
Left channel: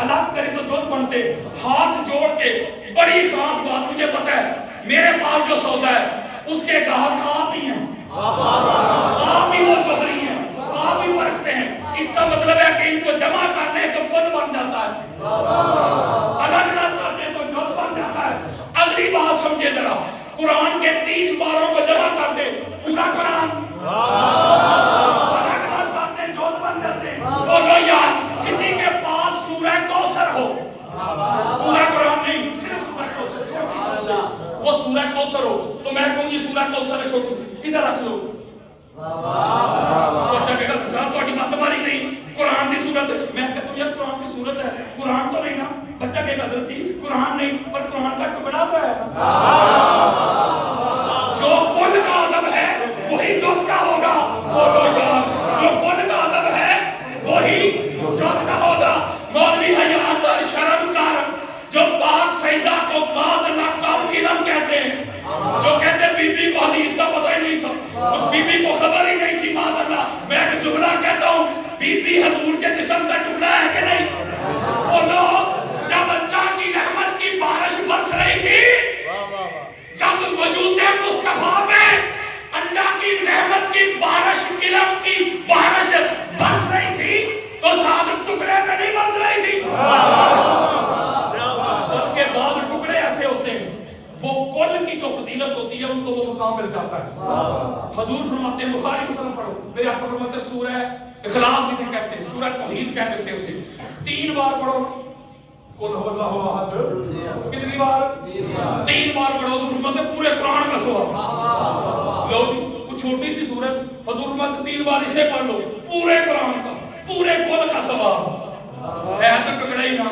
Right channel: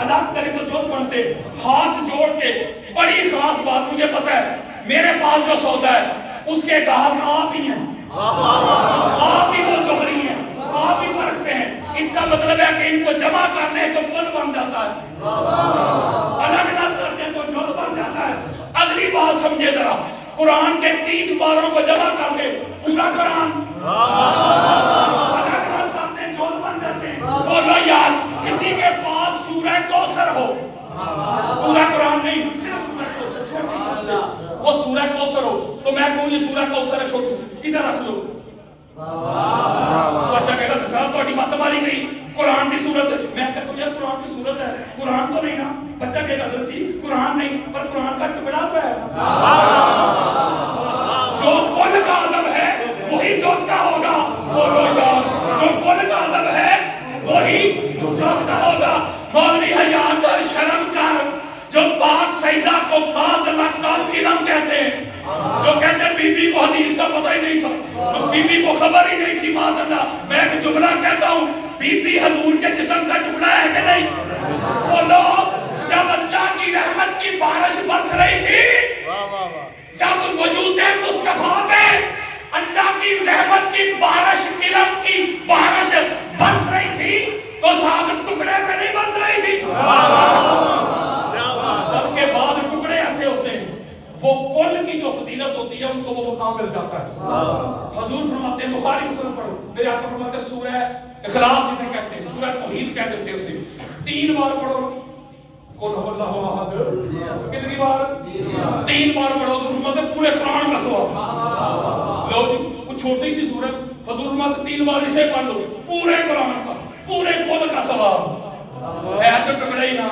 الگ کرے تو جز بنتے. ہاتھ جوڑ کے بڑی خاص بات مجھے پتا ہے، میرے پاس جو سودا ہے اس کے گاہک آپ ہی ہیں، آپ ہی وہ جوہری ہیں، آپ ہی پرکھتے ہیں. اس کا مطلب ہے کہ ان کو جمع کر لیں تو کل بن جاتا ہے، الگ الگ کر دیں تو جز بن جاتا ہے. اگلی بات سمجھے ذرا، قرآن کے 30 باروں کو جمع کر دے پورا قرآن، الگ الگ کر دیں جز بن جاتے ہیں. بولو یار کسی کے پاس سورہ کوثر ہو، پورا قرآن نہیں صرف سورہ کوثر چھوٹی سی، وہ سورہ کوثر ہو تو میں کہوں یہ سورہ کوثر ہے چھوٹی سی، ادھر رکھ لو. بچہ کہے گا صاحب تھوڑی بات ہماری نہیں، قرآن کی صورت ہے. میں کہتا ہوں یار قرآن کی صورت ہے، قرآن تو نہیں نا. بچہ کہے گا حضرت جی قرآن نہیں پر قرآن کا ٹکڑا تو ہے. جو کل کا ادب ہے وہی جز کا ہوگا. بولو یار جو کل کا ادب ہے وہی جز کا ہوگا. مولوی حیات اور شرم کر جو پاک سیدہ کو بعض لقب علم کہتے ہیں، جو کہتے ہیں بی بی کو حدیث کا پتہ ہی نہیں تھا، بی بی کو خبر ہی نہیں تھی. معاذ اللہ میں ایک جملہ کہتا ہوں، بی بی حضور کے جسم کا ٹکڑا ہے کہ نہیں؟ بولو جب اللہ کی رحمت کی بارش برس رہی تھی، جب وجود مصطفیٰ میں اللہ کی رحمت کی بارش، علم کی بارش برس رہی تھی تو ساتھ ٹکڑے پہ نہیں برس رہی تھی. سب کے بعد ٹکڑے ایسے ہوتے ہیں، وہ کل کی جو فضیلت ہوتی ہے ان کو وہ مقام مل جاتا ہے. حضور فرماتے ہیں، بخاری مسلم پڑھو، میرے آقا فرماتے ہیں سورہ اخلاص جسے کہتے ہیں، سورہ توحید کہہ دیتے ہیں اسے، 3 بار پڑھو. قل هو اللہ احد کتنی بار؟ 3 بار پڑھو. حضور فرماتے ہیں پورے قرآن کا ثواب. لو جی وہ چھوٹی سی سورت، حضور فرماتے 3 بار اسے پڑھ لو، پورے قرآن کا، پورے کل کا ثواب ہے. تو ٹکڑا ہی نہ.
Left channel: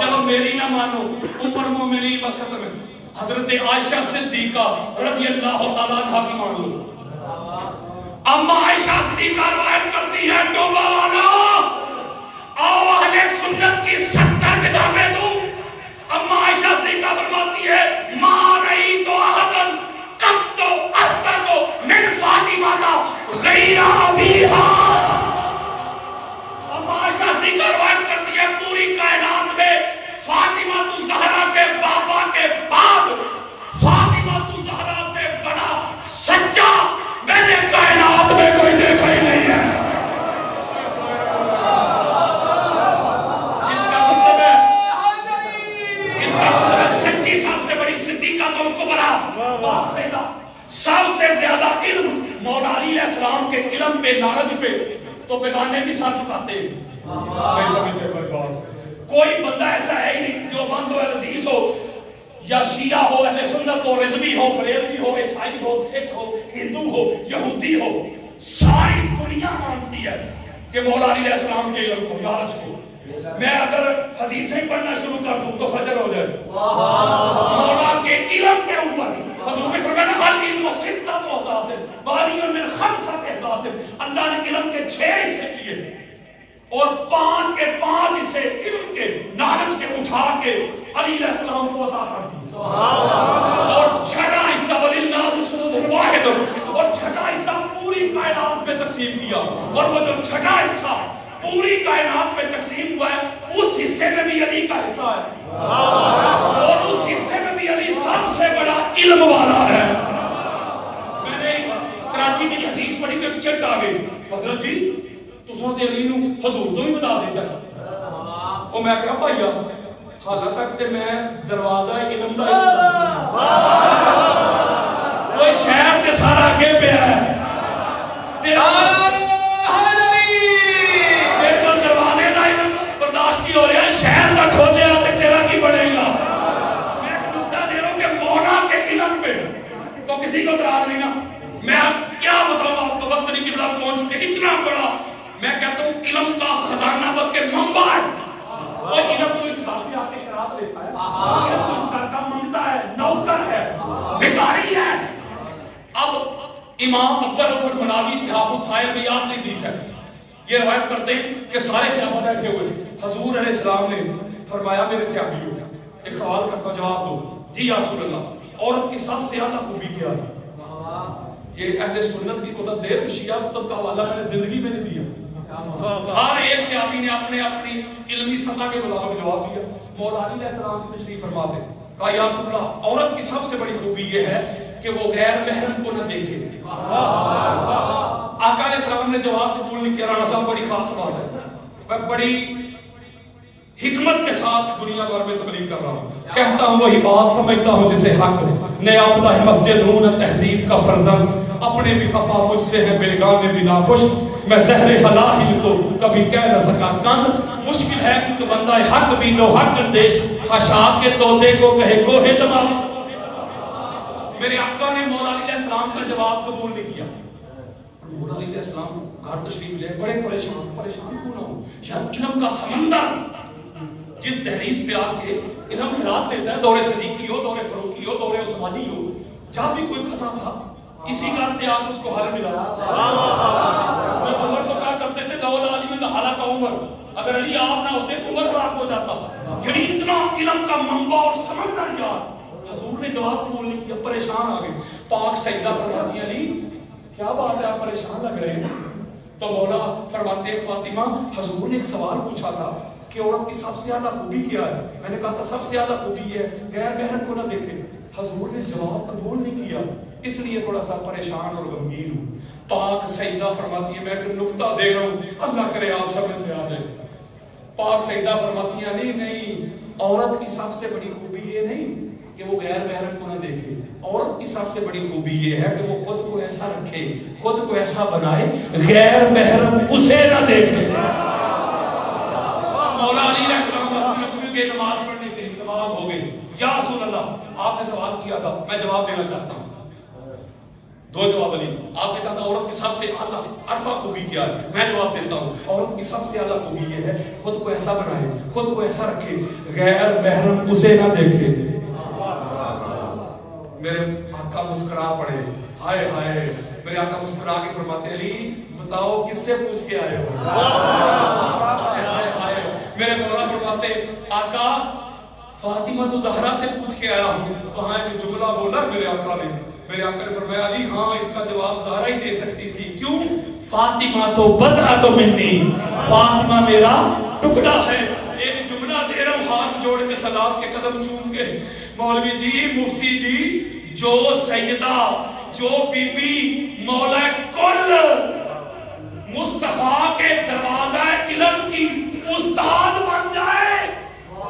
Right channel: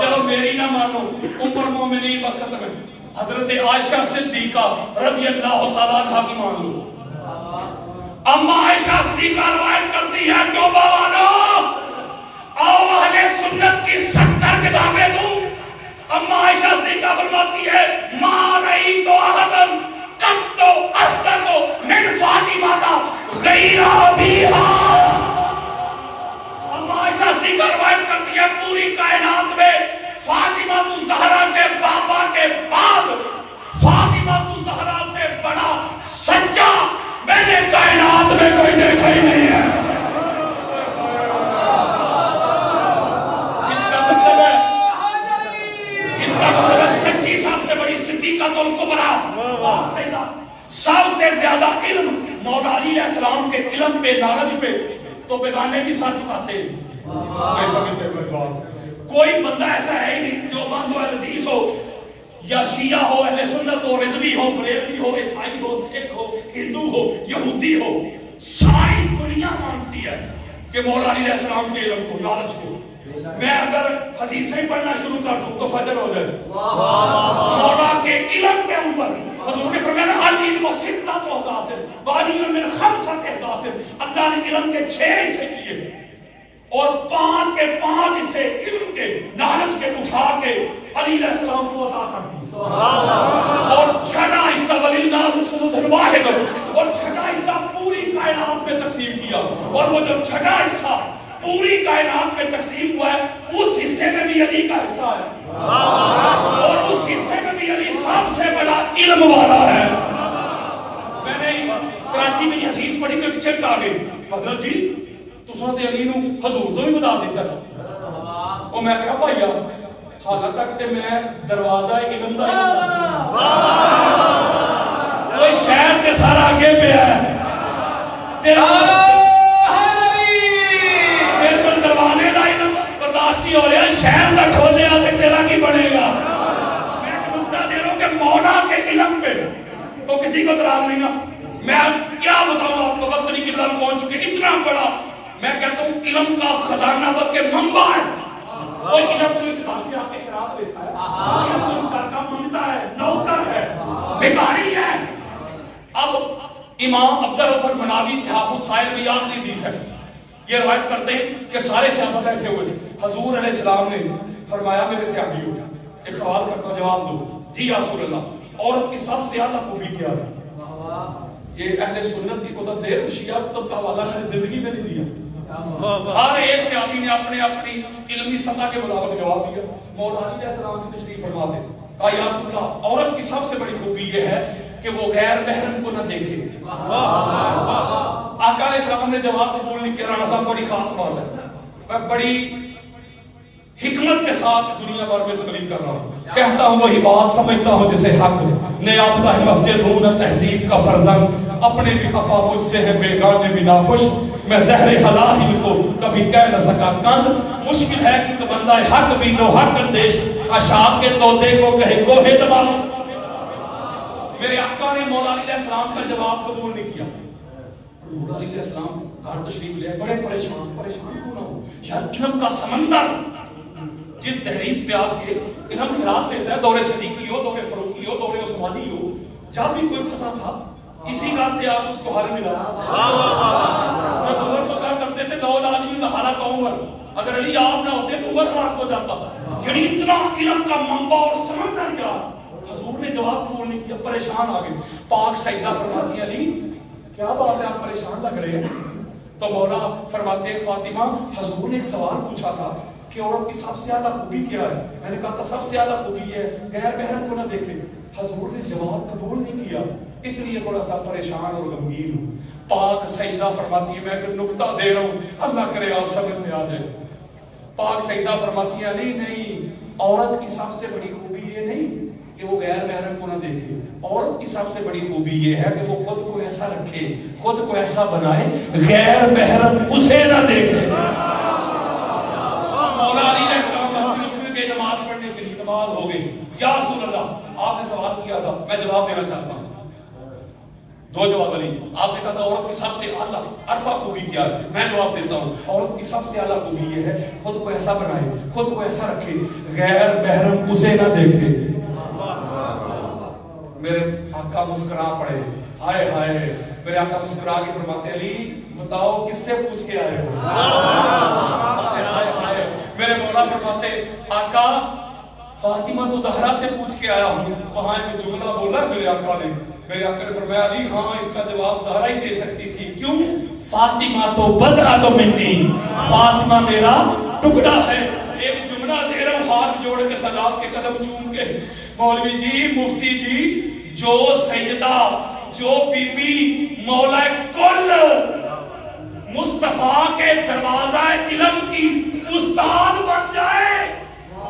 چلو میری نہ مانو، عمر مومنی بس ختم ہے. حضرت عائشہ صدیقہ رضی اللہ تعالیٰ عنہا کی مان لو. اما عائشہ صدیقہ روایت کرتی ہے، توبہ والو آؤ اہل سنت کی 70 کتابیں دوں. اما عائشہ صدیقہ فرماتی ہے، ما رأیت احدن قط اصدق من فاطمہ غیر ابیہا. اما عائشہ صدیقہ روایت کرتی ہے، پوری کائنات میں فاطمہ الزہرا کے بابا کے بعد فاطمہ الزہرا سے بڑا سچا میں نے کائنات میں کوئی دیکھا ہی نہیں ہے. اس کا مطلب ہے سچی سب سے بڑی صدیقہ الکبریٰ، سب سے زیادہ علم مولا علی علیہ السلام کے علم پہ، نالج پہ تو بیگانے بھی ساتھ چکاتے ہیں. کوئی بندہ ایسا ہے ہی نہیں جو بند حدیث ہو یا شیعہ ہو، اہل سنت ہو، رضوی ہو، بریلوی ہو، عیسائی ہو، سکھ ہو، ہندو ہو، یہودی ہو، ساری دنیا مانتی ہے کہ مولا علی علیہ السلام کے علم کو، نالج کو. میں اگر حدیثیں پڑھنا شروع کر دوں تو فجر ہو جائے. مولا کے علم کے اوپر حضور نے فرمایا العلم ستۃ احداث وعلم من خمسۃ احداث. اللہ نے علم کے 6 حصے کیے اور 5 کے 5 حصے علم کے، نالج کے اٹھا کے علی علیہ السلام کو عطا کر دی. اور 6واں حصہ وللناس صمد واحد، اور 6واں حصہ پوری کائنات میں تقسیم کیا. اور وہ جو 6واں حصہ پوری کائنات میں تقسیم ہوا ہے اس حصے میں بھی علی کا حصہ ہے، اور اس حصے میں بھی علی سب سے بڑا علم والا ہے. میں نے کراچی میں یہ حدیث پڑھی کہ چٹ آ گئی، حضرت جی تساں تے علی نو حضور تو بھی بتا دیتا ہے. اور میں کہا بھائیا حال تک تے میں دروازہ علم دا کوئی شہر تے سارا اگے پیا ہے، تیرا دروازے کا علم برداشت ہو رہا ہے، شہر کا کھولیا تے تیرا کی بنے گا. میں ایک نقطہ دے رہا ہوں کہ مولا کے علم پہ تو کسی کو اعتراض نہیں نا. میں کیا بتاؤں آپ کو، وقت نہیں قبلہ پہنچ چکے. اتنا بڑا میں کہتا ہوں علم کا خزانہ بلکہ منبع ہے. وہ علم تو اس گھر سے آپ کے خیرات لیتا ہے، علم تو اس گھر کا منگتا ہے، نوکر ہے، بھکاری ہے۔ اب امام عبدالرؤف مناوی تحفظ سائل میں آخری حدیث ہے، یہ روایت کرتے ہیں کہ سارے صحابہ بیٹھے ہوئے تھے، حضور علیہ السلام نے فرمایا میرے صحابیوں ایک سوال کرتا ہوں جواب دو۔ جی یا رسول اللہ، عورت کی سب سے زیادہ خوبی کیا ہے؟ یہ اہل سنت کی کتب دے، شیعہ کتب کا حوالہ میں نے زندگی میں نہیں دیا۔ ہر ایک صحابی نے اپنے اپنی علمی سطح کے مطابق جواب دیا۔ مولا علی علیہ السلام کی تشریف فرما دے، کہا یا رسول اللہ عورت کی سب سے بڑی خوبی یہ ہے کہ وہ غیر محرم کو نہ دیکھے۔ آقا علیہ السلام نے جواب قبول نہیں کیا۔ رانا صاحب بڑی خاص بات ہے، میں بڑی حکمت کے ساتھ دنیا بھر میں تبلیغ کر رہا ہوں، کہتا ہوں وہی بات سمجھتا ہوں جسے حق نیابدہ ہے مسجد ہوں نہ تہذیب کا فرزند، اپنے بھی خفا مجھ سے ہے بیگانے بھی ناخوش، میں زہر حلال کو کبھی کہہ نہ سکا کند، مشکل ہے کہ بندہ حق بھی نو حق اندیش خشاک کے طوطے کو کہے کوہ تمام۔ میرے آقا نے مولا علی علیہ السلام کا جواب قبول نہیں کیا۔ مولا علی علیہ السلام گھر تشریف لے بڑے پریشان کیوں نہ ہو، شاید علم کا سمندر جس دہلیز پہ آپ کے علم خیرات لیتا ہے، دور صدیقی ہو، دور فاروقی ہو، دور عثمانی ہو، جہاں بھی کوئی پھنسا تھا اسی گھر سے آپ اس کو حل ملا۔ عمر تو کیا کرتے تھے، لولا علی حالہ کا عمر، اگر علی آپ نہ ہوتے تو عمر ہلاک ہو جاتا۔ یعنی اتنا علم کا منبع اور سمندر یار، حضور نے جواب قبول نہیں کیا، پریشان آ گئے۔ پاک سیدہ فرماتی علی کیا بات ہے آپ پریشان لگ رہے ہیں؟ تو مولا فرماتے ہیں فاطمہ حضور نے ایک سوال پوچھا تھا کہ عورت کی سب سے زیادہ خوبی کیا ہے؟ میں نے کہا تھا سب سے زیادہ خوبی ہے غیر محرم کو نہ دیکھے۔ حضور نے جواب قبول نہیں کیا، اس لیے تھوڑا سا پریشان اور غمگین ہوں۔ پاک سیدہ فرماتی ہے میں ایک نکتہ دے رہا ہوں، اللہ کرے آپ سمجھ میں آ جائے۔ پاک سیدہ فرماتی ہے نہیں، عورت کی سب سے بڑی خوبی یہ نہیں کہ وہ غیر محرم کو نہ دیکھے، عورت کی سب سے بڑی خوبی یہ ہے کہ وہ خود کو ایسا رکھے، خود کو ایسا بنائے غیر محرم اسے نہ دیکھے۔ مولا علی علیہ السلام کے نماز پڑھنے کے لیے نماز ہو گئی۔ یا رسول اللہ آپ نے سوال کیا تھا، میں جواب دینا چاہتا ہوں۔ دو جواب علی، آپ نے کہا تھا عورت کی سب سے اعلیٰ عرفہ خوبی کیا ہے، میں جواب دیتا ہوں عورت کی سب سے اعلیٰ خوبی یہ ہے خود کو ایسا بنائے، خود کو ایسا رکھے غیر محرم اسے نہ دیکھے۔ میرے آقا مسکرا پڑے، ہائے ہائے، میرے آقا مسکرا کے فرماتے علی بتاؤ کس سے پوچھ کے آئے ہو؟ ہائے ہائے، میرے مولا فرماتے آقا فاطمہ تو زہرا سے پوچھ کے آیا ہوں۔ وہاں ایک جملہ بولا میرے آقا نے، میرے آقا نے فرمایا علی ہاں اس کا جواب زہرا ہی دے سکتی تھی، کیوں؟ فاطمہ تو بدعت منی، فاطمہ میرا ٹکڑا ہے۔ ایک جملہ دے رہا ہوں ہاتھ جوڑ کے سادات کے قدم چوم کے، مولوی جی مفتی جی، جو سیدہ جو بی بی مولا کل مصطفیٰ کے دروازہ علم کی استاد بن جائے،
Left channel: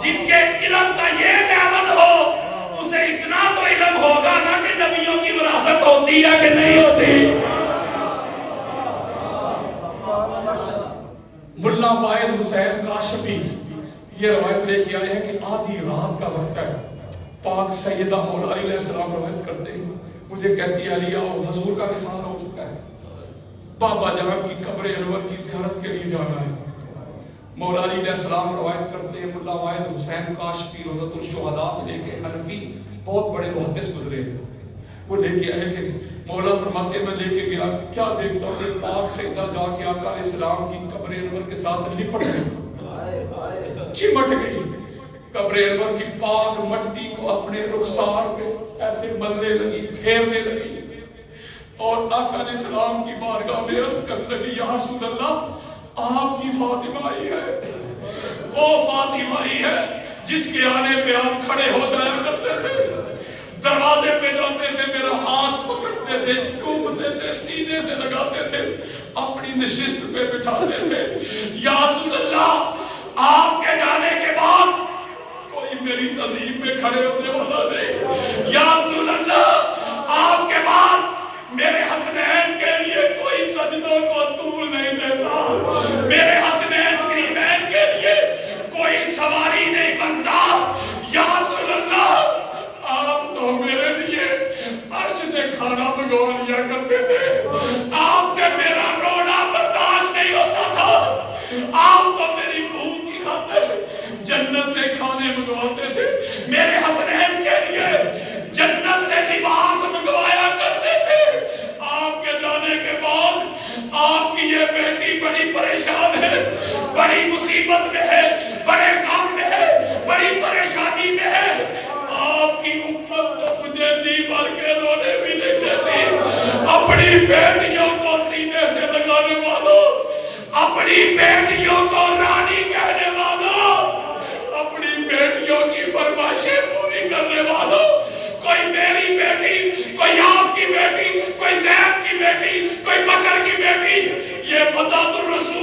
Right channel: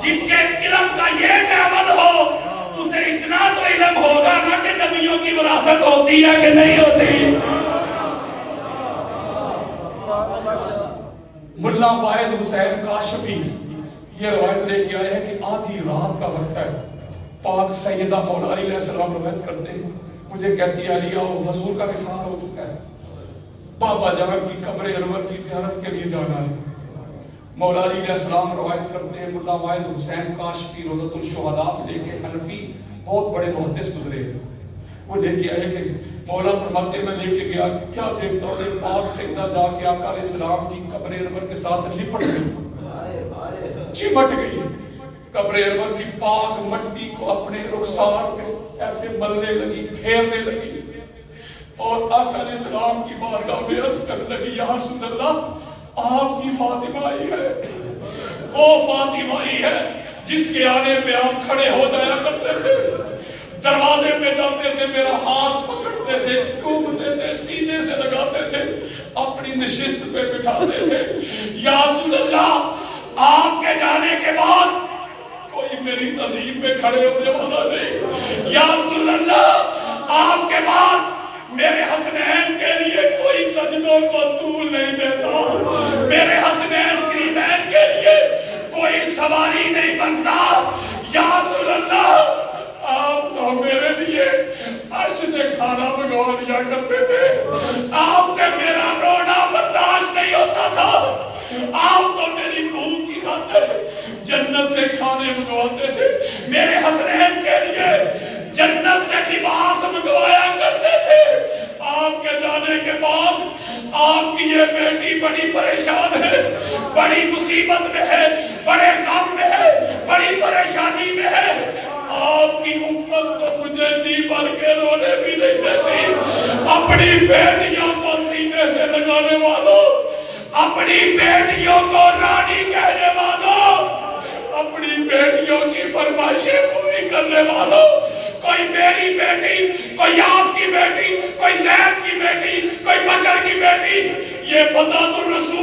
جس کے علم کا یہ لیول ہو، اسے اتنا تو علم ہوگا نا کہ نبیوں کی وراثت ہوتی ہے کہ نہیں ہوتی۔ ملا واحد حسین کاشفی یہ روایت لے کے آئے ہیں کہ آدھی رات کا وقت ہے، پاک سیدہ مولا علی علیہ السلام روایت کرتے ہیں، مجھے کہتی ہے علی آؤ حضور کا وصال ہو چکا ہے، بابا جان کی قبر انور کی زیارت کے لیے جانا ہے۔ مولا علی علیہ السلام روایت کرتے ہیں ملا واحد حسین کاشفی روضۃ الشہداء میں لے کے، حنفی بہت بڑے محدث گزرے ہیں، وہ لے کے آئے کہ مولا فرماتے میں لے کے گیا، کیا دیکھتا ہوں کہ پاک سیدہ جا کے آقا علیہ السلام کی قبر انور کے ساتھ لپٹ گئی، چمٹ گئی، قبر انور کی پاک مٹی کو اپنے رخسار پہ ایسے ملنے لگی، پھیرنے لگی، اور آقا علیہ السلام کی بارگاہ میں عرض کرنے لگی یا رسول اللہ آپ کی فاطمہ ہی ہے، وہ فاطمہ ہی ہے جس کے آنے پہ آپ کھڑے ہو جایا کرتے تھے، دروازے پہ جاتے تھے، میرا ہاتھ پکڑتے تھے، چومتے تھے، سینے سے لگاتے تھے، اپنی نشست پہ بٹھاتے تھے۔ یا رسول اللہ آپ کے جانے کے بعد کوئی میری تہذیب میں کھڑے ہونے والا نہیں، یا رسول اللہ آپ کے بعد میرے حسنین کے لیے کوئی سجدوں کو طول نہیں دیتا، میرے حسنین قریبین کے لیے کوئی سواری نہیں بنتا، یا رسول اللہ آپ تو میرے لیے عرش سے کھانا منگوا لیا کرتے تھے، آپ سے میرا رونا برداشت نہیں ہوتا تھا، آپ تو میری بھوک کی خاطر جنت سے کھانے منگواتے تھے، میرے حسنین کے لیے جنت سے لباس منگوایا کرتے تھے۔ آپ کے جانے کے بعد آپ کی یہ بیٹی بڑی پریشان ہے، بڑی مصیبت میں ہے، بڑے غم میں ہے، بڑی پریشانی میں ہے۔ آپ کی امت تو مجھے جی بھر کے رونے بھی نہیں دیتی۔ اپنی بیٹیوں کو سینے سے لگانے والوں، اپنی بیٹیوں کو رانی کہنے والوں، اپنی بیٹیوں کی فرمائشیں پوری کرنے والوں، کوئی میری بیٹی، کوئی آپ کی بیٹی، کوئی زید کی بیٹی، کوئی بکر کی بیٹی، یہ بتا تو رسول